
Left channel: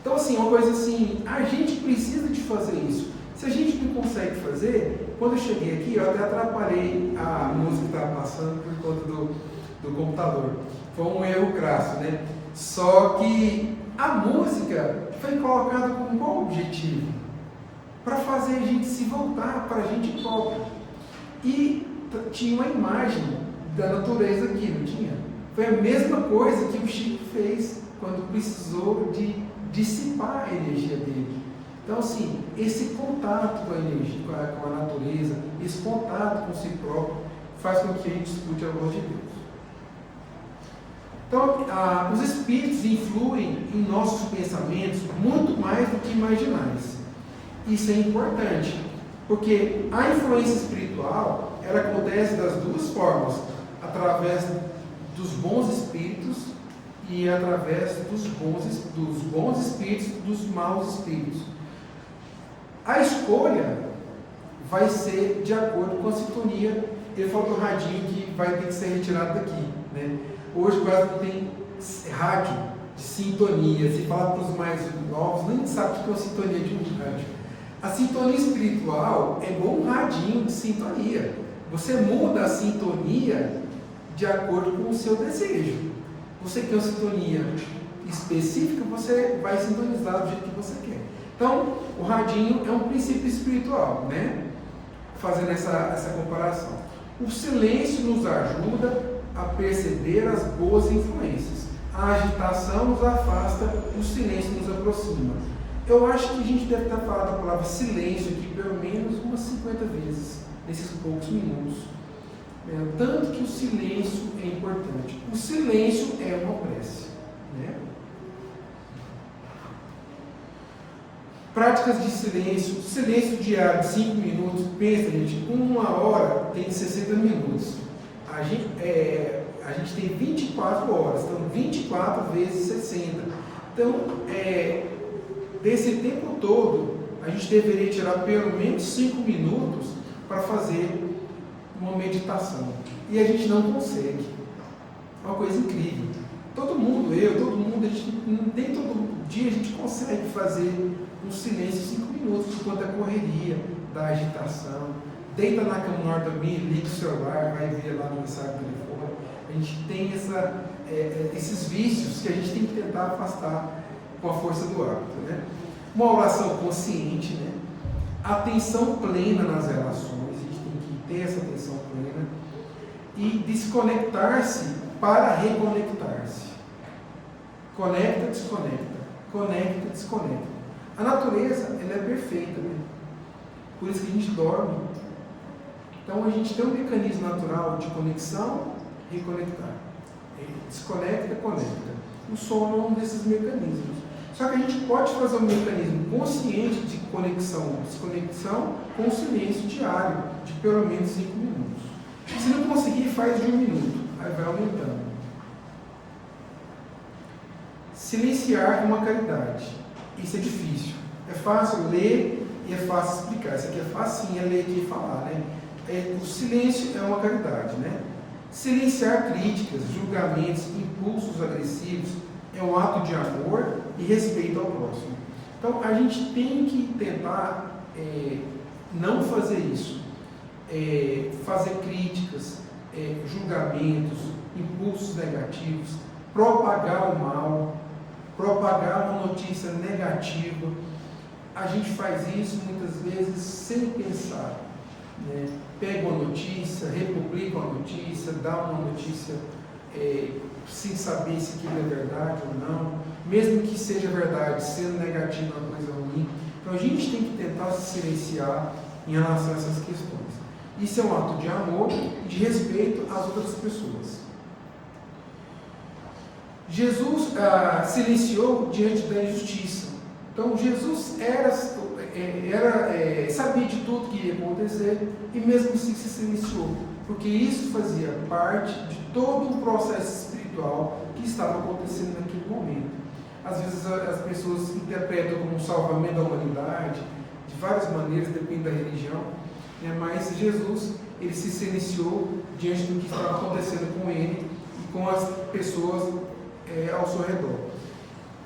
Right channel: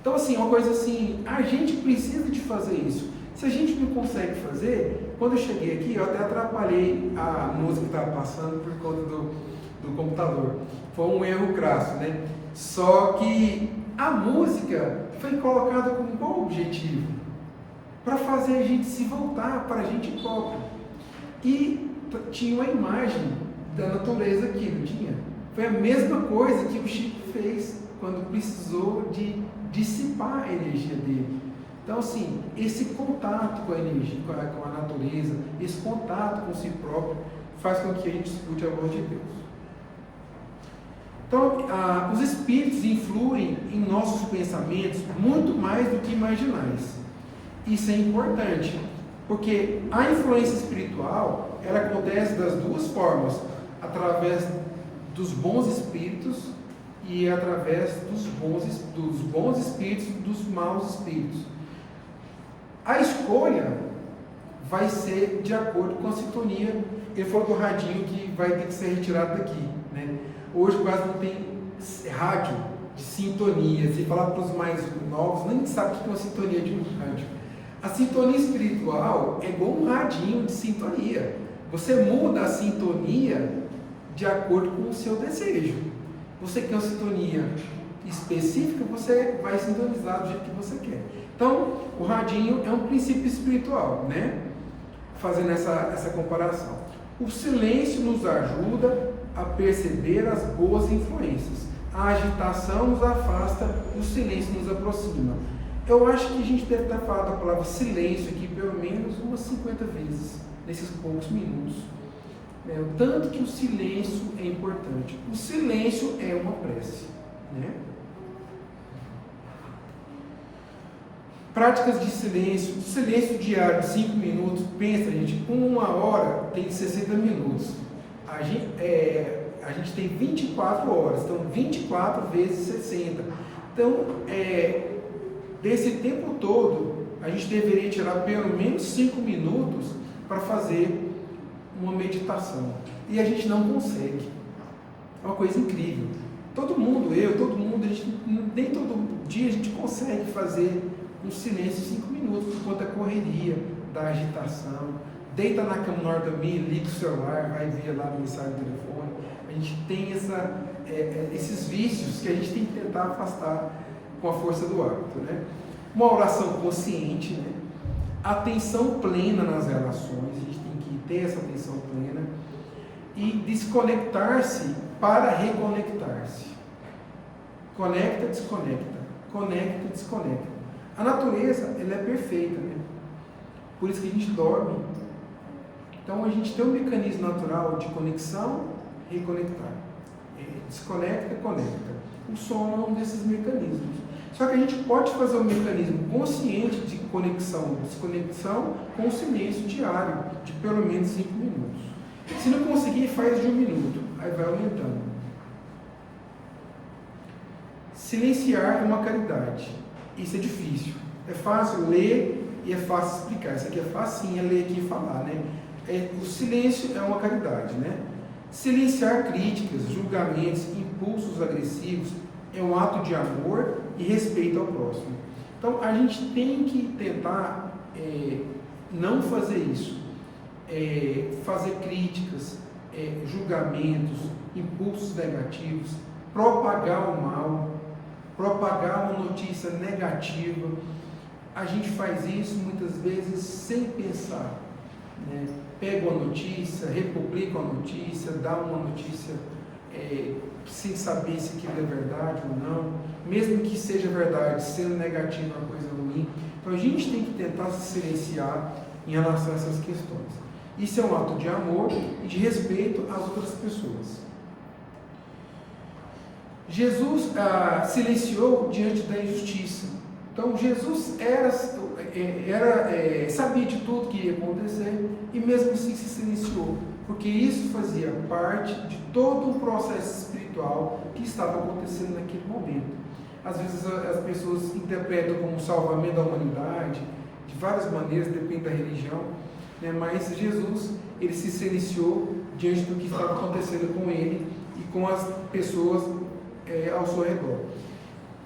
Então, assim, uma coisa assim, a gente precisa de fazer isso. Se a gente não consegue fazer, quando eu cheguei aqui, eu até atrapalhei a música que estava passando por conta do computador. Foi um erro crasso, né? Só que a música foi colocada com qual objetivo? Para fazer a gente se voltar para a gente próprio. E tinha uma imagem da natureza aqui, não tinha? Foi a mesma coisa que o Chico fez quando precisou de dissipar a energia dele. Então, assim, esse contato com a energia, com a natureza, esse contato com si próprio, faz com que a gente escute a voz de Deus. Então, os espíritos influem em nossos pensamentos muito mais do que imaginais. Isso é importante, porque a influência espiritual, ela acontece das duas formas, através dos bons espíritos e através dos bons espíritos, dos maus espíritos. A escolha vai ser de acordo com a sintonia. Ele falou do radinho que vai ter que ser retirado daqui, né? Hoje quase não tem rádio de sintonia. Se falar para os mais novos, nem sabe o que é uma sintonia de um rádio. A sintonia espiritual é igual um radinho de sintonia. Você muda a sintonia de acordo com o seu desejo. Você quer uma sintonia específica, você vai sintonizar do jeito que você quer. Então, o radinho é um princípio espiritual, né? Fazendo essa comparação. O silêncio nos ajuda a perceber as boas influências. A agitação nos afasta, o silêncio nos aproxima. Eu acho que a gente deve estar falando a palavra silêncio aqui pelo menos umas 50 vezes, nesses poucos minutos. Tanto que o silêncio é importante. O silêncio é uma prece, né? Práticas de silêncio diário de 5 minutos. Pensa, gente, uma hora tem 60 minutos. A gente tem 24 horas, então 24 vezes 60. Então, desse tempo todo, a gente deveria tirar pelo menos 5 minutos para fazer uma meditação. E a gente não consegue. É uma coisa incrível. Todo mundo, nem todo dia a gente consegue fazer um silêncio de 5 minutos, por conta da correria, da agitação. Deita na cama na hora de dormir, liga o celular, vai ver lá a mensagem do telefone. A gente tem esses vícios que a gente tem que tentar afastar com a força do hábito, né? Uma oração consciente, né? Atenção plena nas relações, a gente tem que ter essa atenção plena. E desconectar-se para reconectar-se. Conecta, desconecta. Conecta, desconecta. A natureza, ela é perfeita, né? Por isso que a gente dorme. Então a gente tem um mecanismo natural de conexão, reconectar. Desconecta, conecta. O sono é um desses mecanismos. Só que a gente pode fazer um mecanismo consciente de conexão, desconexão com o silêncio diário, de pelo menos 5 minutos. Se não conseguir, faz de 1 minuto. Aí vai aumentando. Silenciar é uma caridade. Isso é difícil. É fácil ler e é fácil explicar. Isso aqui é facinho, é ler aqui e falar, né? O silêncio é uma caridade, né? Silenciar críticas, julgamentos, impulsos agressivos é um ato de amor e respeito ao próximo. Então, a gente tem que tentar não fazer isso. Fazer críticas, julgamentos, impulsos negativos, propagar o mal, propagar uma notícia negativa. A gente faz isso muitas vezes sem pensar, né? Pega uma notícia, republica uma notícia, dá uma notícia sem saber se aquilo é verdade ou não, mesmo que seja verdade, sendo negativo é uma coisa ruim. Então a gente tem que tentar se silenciar em relação a essas questões. Isso é um ato de amor e de respeito às outras pessoas. Jesus silenciou diante da injustiça. Então Jesus sabia de tudo que ia acontecer e mesmo assim se silenciou, porque isso fazia parte de todo um processo espiritual que estava acontecendo naquele momento. Às vezes as pessoas interpretam como um salvamento da humanidade, de várias maneiras, depende da religião, né? Mas Jesus, ele se silenciou diante do que estava acontecendo com ele e com as pessoas ao seu redor.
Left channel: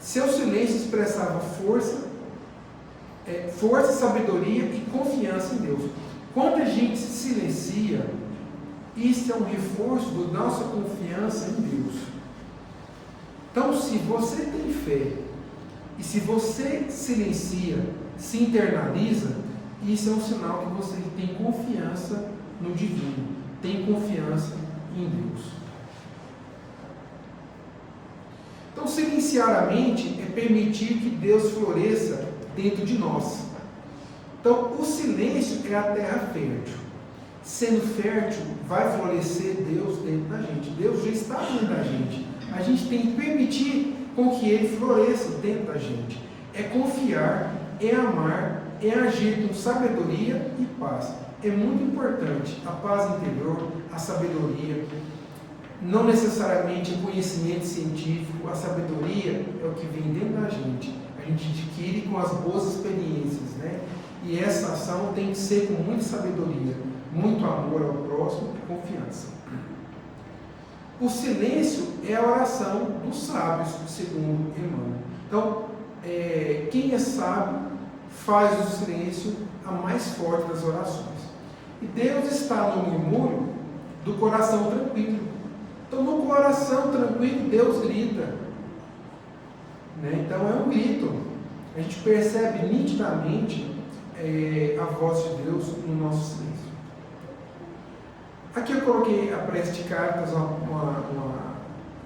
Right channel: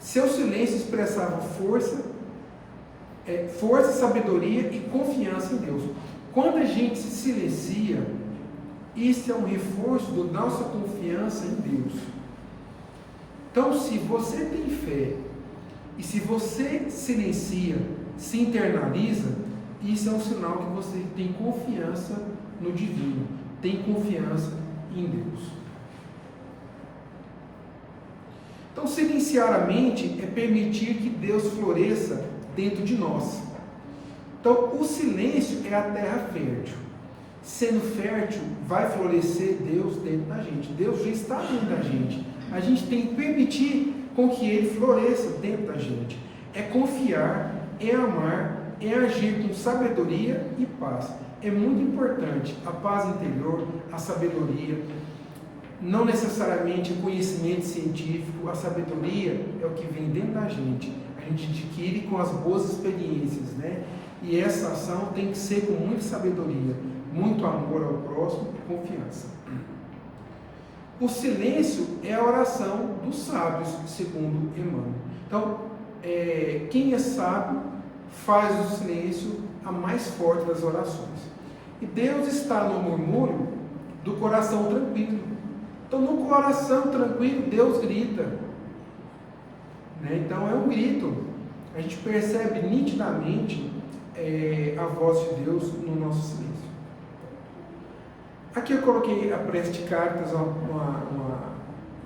Seu silêncio expressava força, sabedoria e confiança em Deus. Quando a gente se silencia, isso é um reforço da nossa confiança em Deus. Então, se você tem fé e se você silencia, se internaliza, isso é um sinal que você tem confiança no divino, tem confiança em Deus. Então, silenciar a mente é permitir que Deus floresça dentro de nós. Então, o silêncio é a terra fértil. Sendo fértil, vai florescer Deus dentro da gente. Deus já está dentro da gente. A gente tem que permitir com que Ele floresça dentro da gente. É confiar, é amar, é agir com sabedoria e paz. É muito importante a paz interior, a sabedoria. Não necessariamente o conhecimento científico, a sabedoria é o que vem dentro da gente. A gente adquire com as boas experiências, né? E essa ação tem que ser com muita sabedoria, muito amor ao próximo e confiança. O silêncio é a oração dos sábios, segundo Emmanuel. Então, quem é sábio faz do silêncio a mais forte das orações. E Deus está no murmúrio do coração tranquilo. Então, no coração tranquilo, Deus grita. Então, é um grito. A gente percebe nitidamente a voz de Deus no nosso silêncio. Aqui eu coloquei a prece de cartas, uma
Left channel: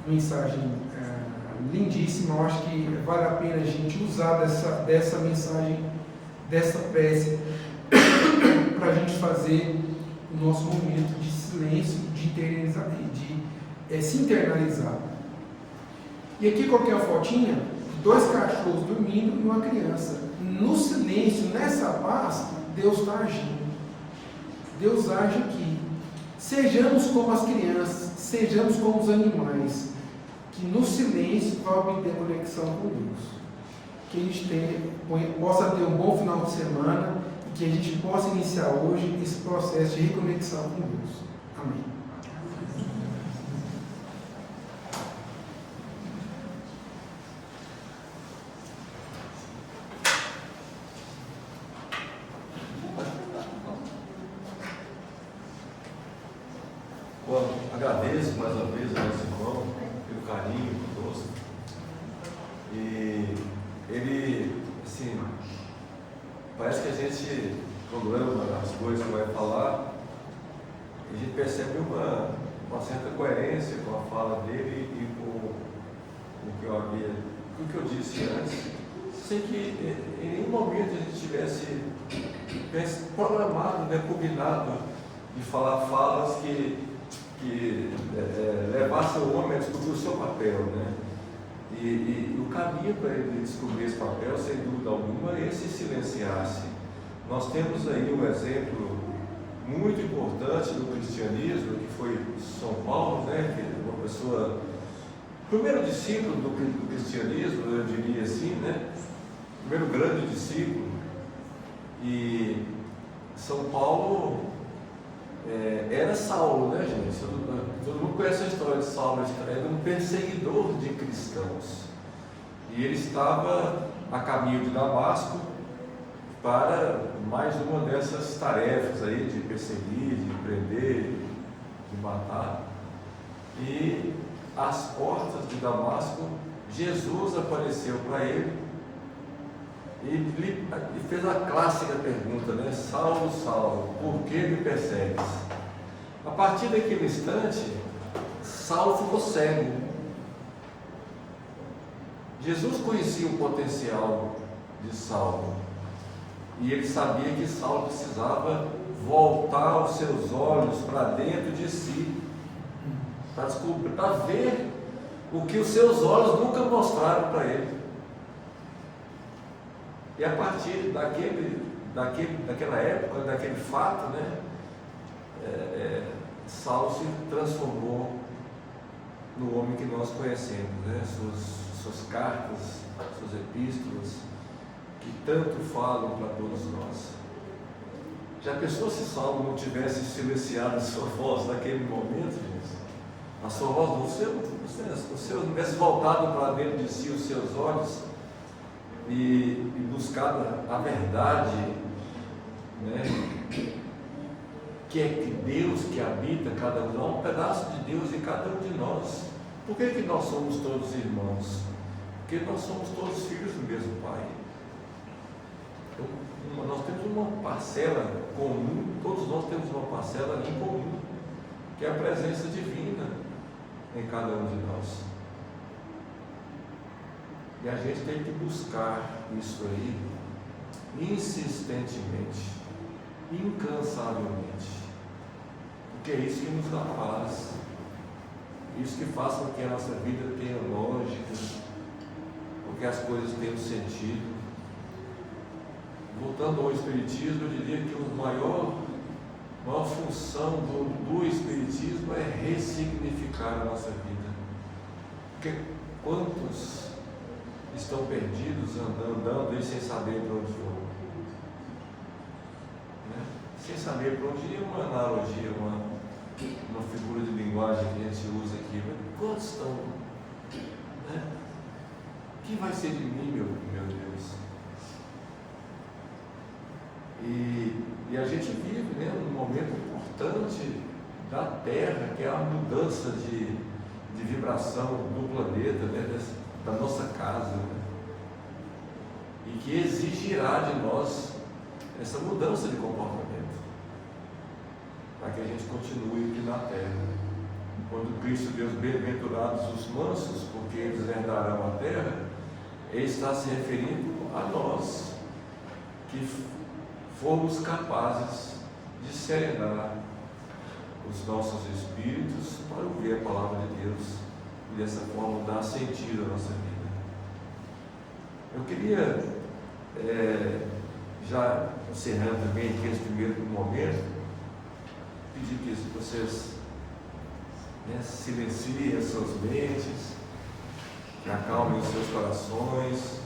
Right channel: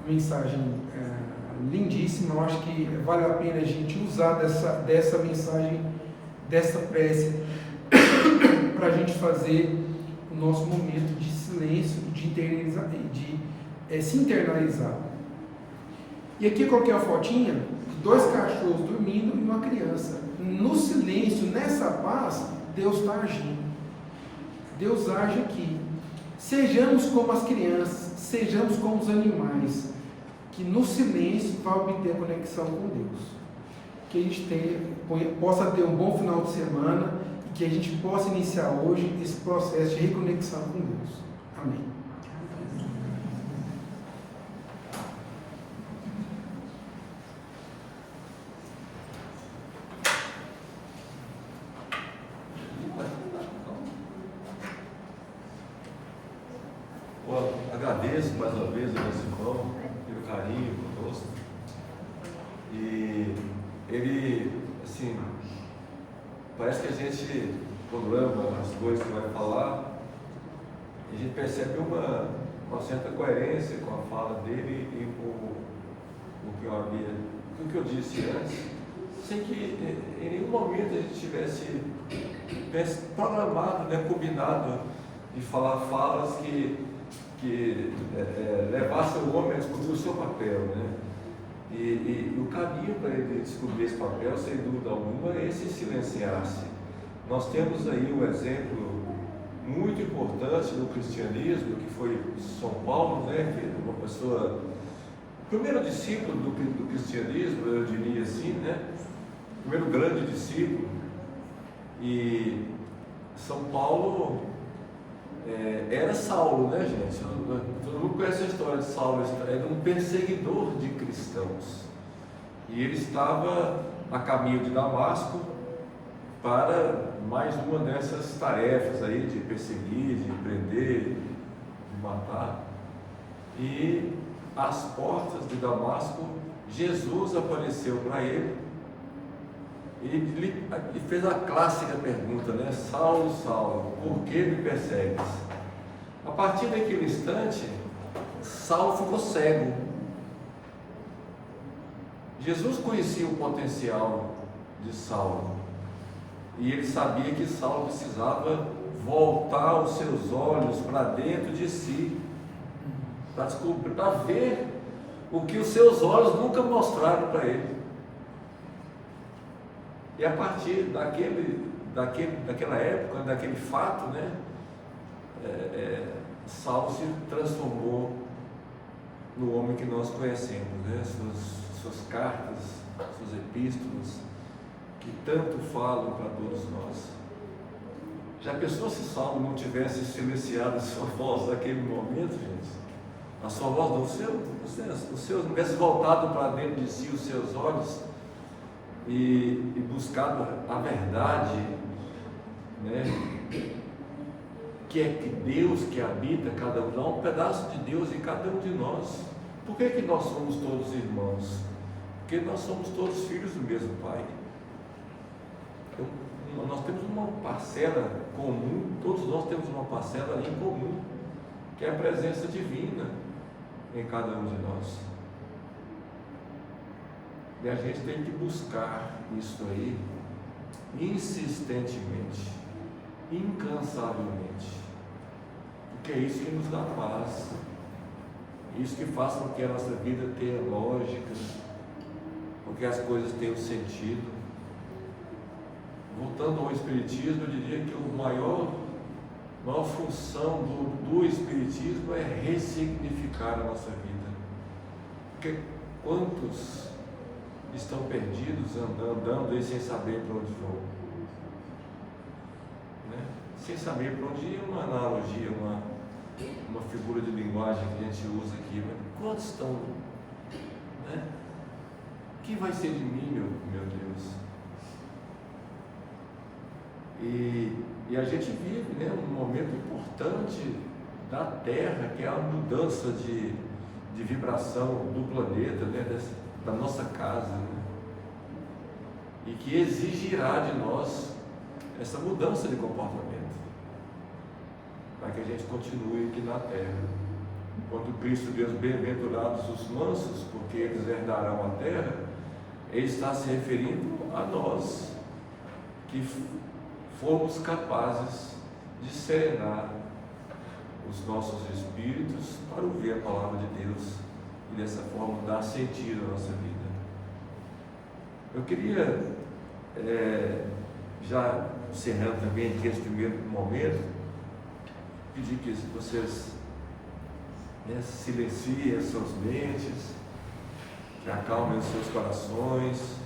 mensagem lindíssima. Eu acho que vale a pena a gente usar dessa mensagem, dessa prece, para a gente fazer o nosso momento de silêncio, de se internalizar. E aqui eu coloquei uma fotinha de 2 cachorros dormindo e uma criança. No silêncio, nessa paz, Deus está agindo. Deus age aqui. Sejamos como as crianças, sejamos como os animais, que no silêncio vai obter conexão com Deus. Que a gente possa ter um bom final de semana e que a gente possa iniciar hoje esse processo de reconexão com Deus. Amém. Agradeço mais uma vez ao nosso irmão pelo carinho conosco. E ele, assim, parece que a gente, quando ama as coisas que vai falar, a gente percebe uma certa coerência com a fala dele e com o que eu disse antes, sem que em nenhum momento a gente tivesse programado, combinado de falar falas que levasse o homem a descobrir o seu papel, E o caminho para ele descobrir esse papel, sem dúvida alguma, é esse silenciar-se. Nós temos aí um exemplo muito importante do cristianismo, que foi São Paulo, que é uma pessoa, primeiro discípulo do cristianismo, eu diria assim, primeiro grande discípulo. E São Paulo era Saulo, gente? Todo mundo conhece a história de Saulo. Era um perseguidor de cristãos. E ele estava a caminho de Damasco para mais uma dessas tarefas aí de perseguir, de prender, de matar. E às portas de Damasco, Jesus apareceu para ele e fez a clássica pergunta, Saulo, Saulo, por que me persegues? A partir daquele instante, Saulo ficou cego. Jesus conhecia o potencial de Saulo e ele sabia que Saulo precisava voltar os seus olhos para dentro de si, para descobrir, para ver o que os seus olhos nunca mostraram para ele. E a partir daquela época, daquele fato, Saulo se transformou no homem que nós conhecemos, suas cartas, suas epístolas, que tanto falam para todos nós. Já pensou se Saulo não tivesse silenciado a sua voz naquele momento, gente? A sua voz, o seu não tivesse voltado para dentro de si os seus olhos e buscado a verdade, que é que Deus que habita cada um, há um pedaço de Deus em cada um de nós. Por que nós somos todos irmãos? Porque nós somos todos filhos do mesmo Pai. Nós temos uma parcela comum, todos nós temos uma parcela em comum, que é a presença divina em cada um de nós. E a gente tem que buscar isso aí insistentemente, incansavelmente, porque é isso que nos dá paz, isso que faz com que a nossa vida tenha lógica, com que as coisas tenham sentido. Voltando ao Espiritismo, eu diria que a maior função do Espiritismo é ressignificar a nossa vida, porque quantos estão perdidos, andando aí sem saber para onde vão? sem saber para onde ir, uma analogia, uma figura de linguagem que a gente usa aqui, mas quantos estão, né? O que vai ser de mim, meu Deus? E a gente vive, né, um momento importante da Terra, que é a mudança de vibração do planeta, né, da nossa casa, né? E que exigirá de nós essa mudança de comportamento, para que a gente continue aqui na terra. Quando Cristo diz: bem-aventurados os mansos, porque eles herdarão a terra, Ele está se referindo a nós, que fomos capazes de serenar os nossos espíritos para ouvir a palavra de Deus e dessa forma dar sentido à nossa vida. Eu queria, já encerrando também aqui esse primeiro momento, pedir que vocês, né, silenciem as suas mentes, que acalmem os seus corações.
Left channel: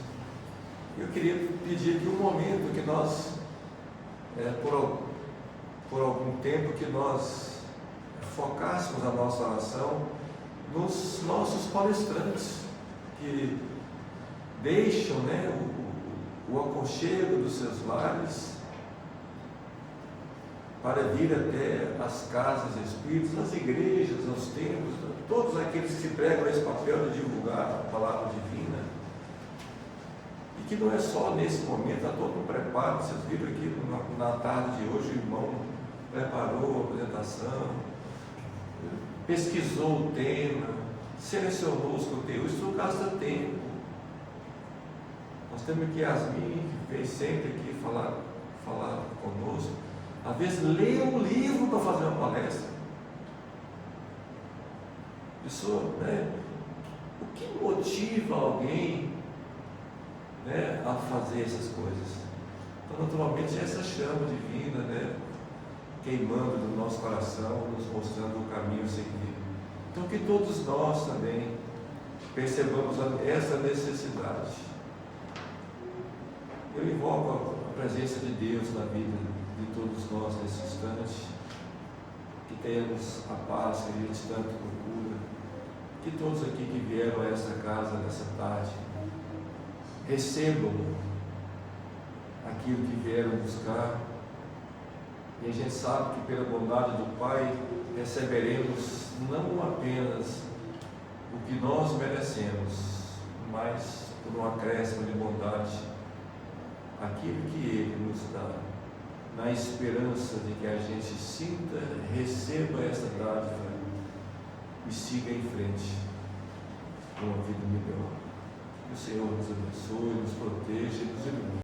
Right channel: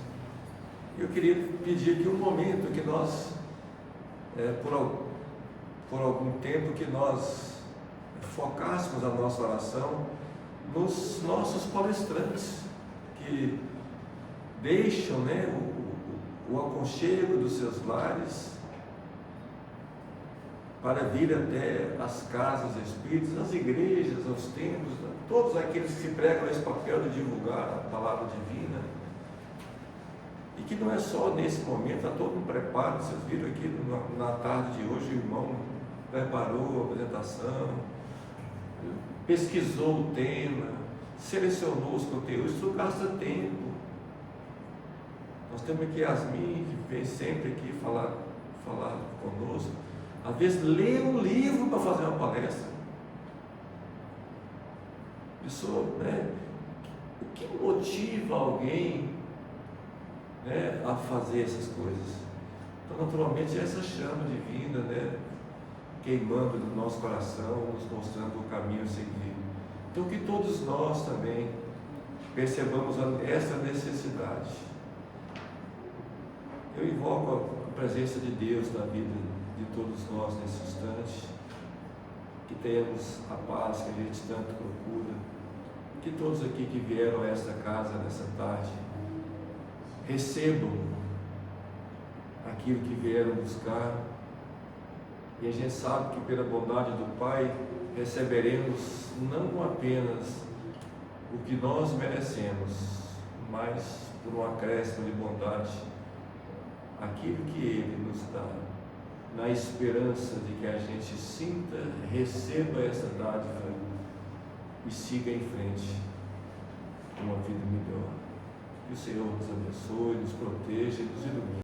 Eu queria pedir aqui um momento que nós, por algum tempo, que nós focássemos a nossa oração nos nossos palestrantes, que deixam, né, o aconchego dos seus lares para vir até as casas espíritas, as igrejas, aos templos, todos aqueles que se pregam esse papel de divulgar a palavra divina. E que não é só nesse momento, há todo um preparo. Vocês viram aqui na tarde de hoje, o irmão preparou a apresentação, pesquisou o tema, selecionou os conteúdos. Isso gasta tempo. Nós temos aqui Yasmin, que vem sempre aqui falar conosco. Às vezes lê um livro para fazer uma palestra. Pessoa, né? O que motiva alguém, né, a fazer essas coisas? Então, naturalmente, essa chama divina, né, queimando no nosso coração, nos mostrando o caminho a seguir. Então, que todos nós também percebamos essa necessidade. Eu invoco a presença de Deus na vida de todos nós nesse instante, que tenhamos a paz que a gente tanto procura, que todos aqui que vieram a esta casa nessa tarde recebam aquilo que vieram buscar, e a gente sabe que pela bondade do Pai receberemos não apenas o que nós merecemos, mas por um acréscimo de bondade, aquilo que Ele nos dá, na esperança de que a gente sinta, receba essa dádiva e siga em frente com uma vida melhor. Que o Senhor nos abençoe, nos proteja e nos ilumine.